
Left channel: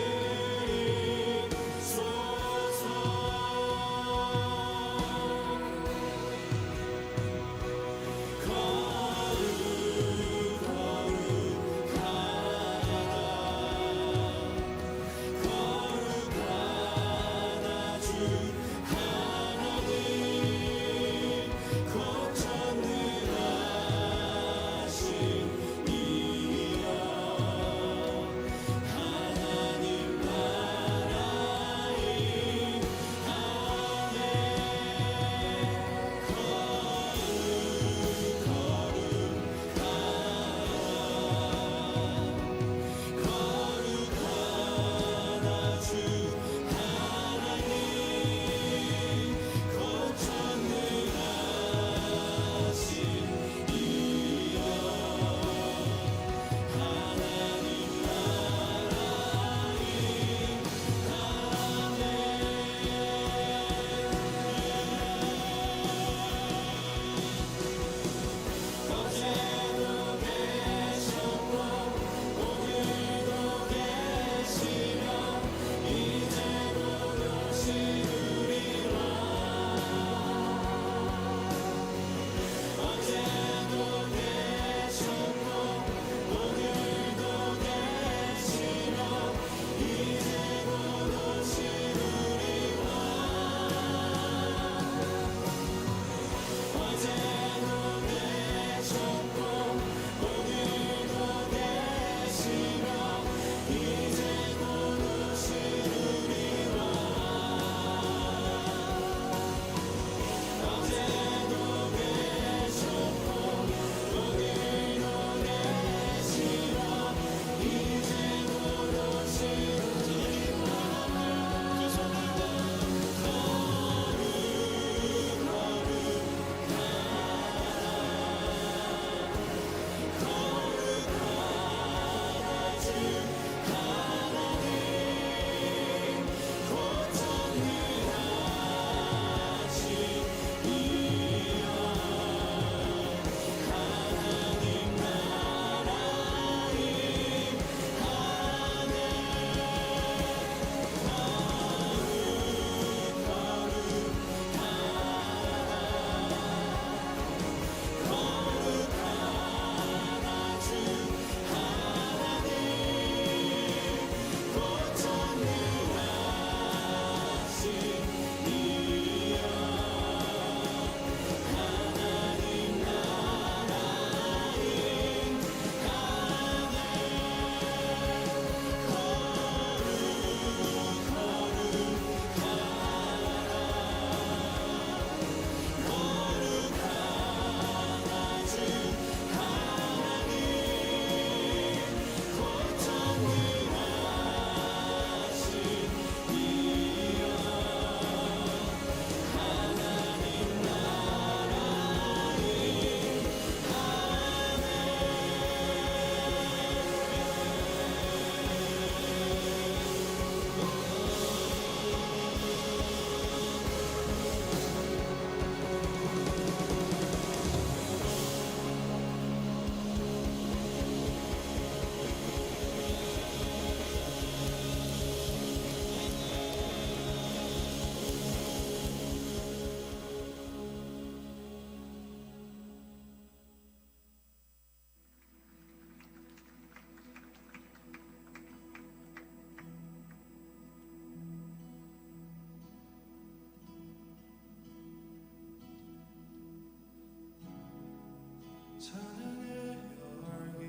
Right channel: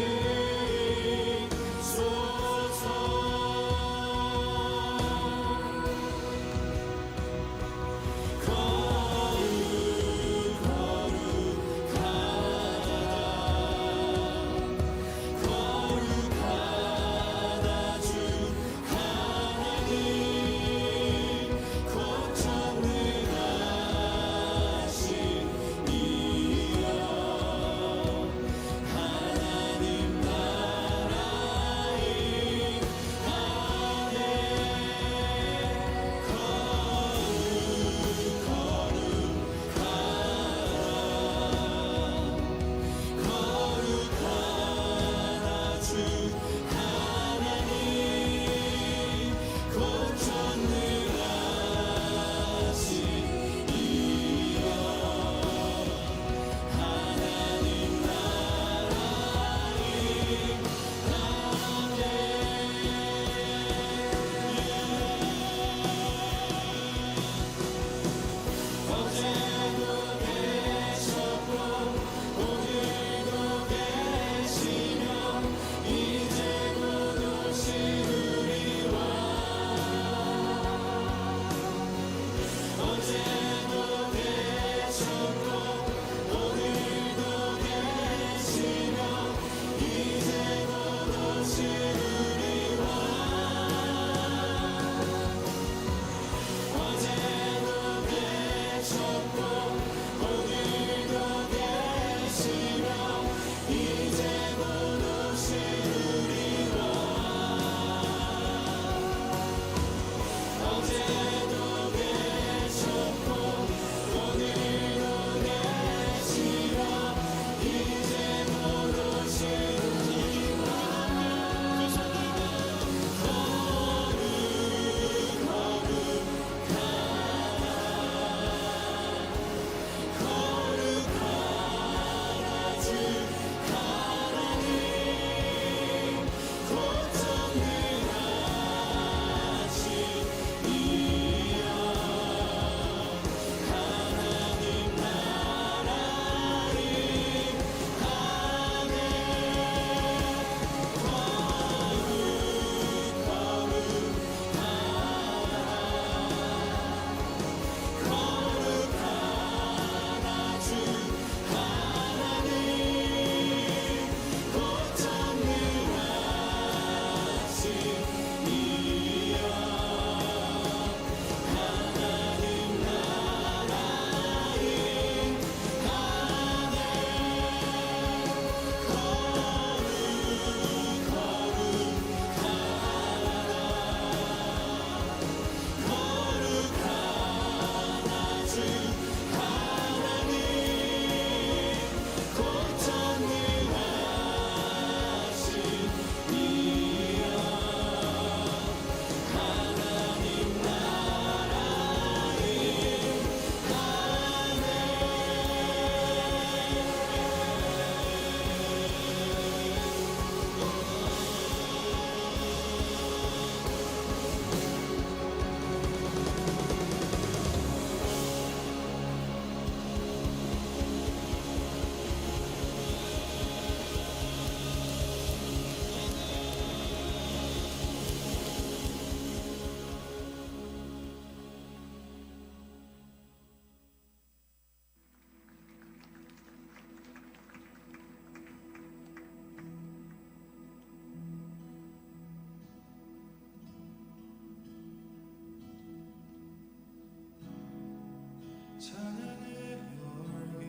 찬양의 열기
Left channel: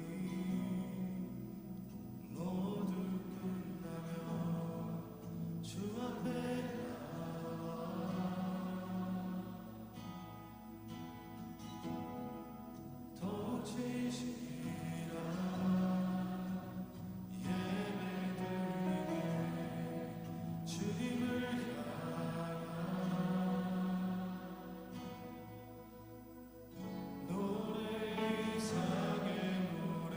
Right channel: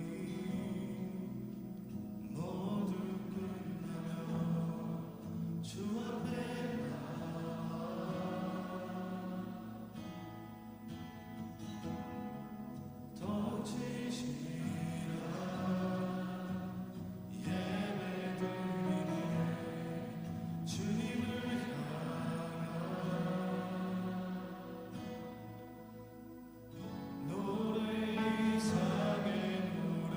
모두 끝나며 주 앞에 나와 더욱 진실한 예배 드리네 주님을 향한 노래 이상의 노래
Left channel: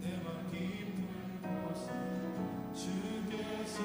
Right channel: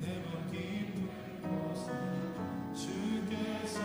내 맘 깊은 곳에 주께서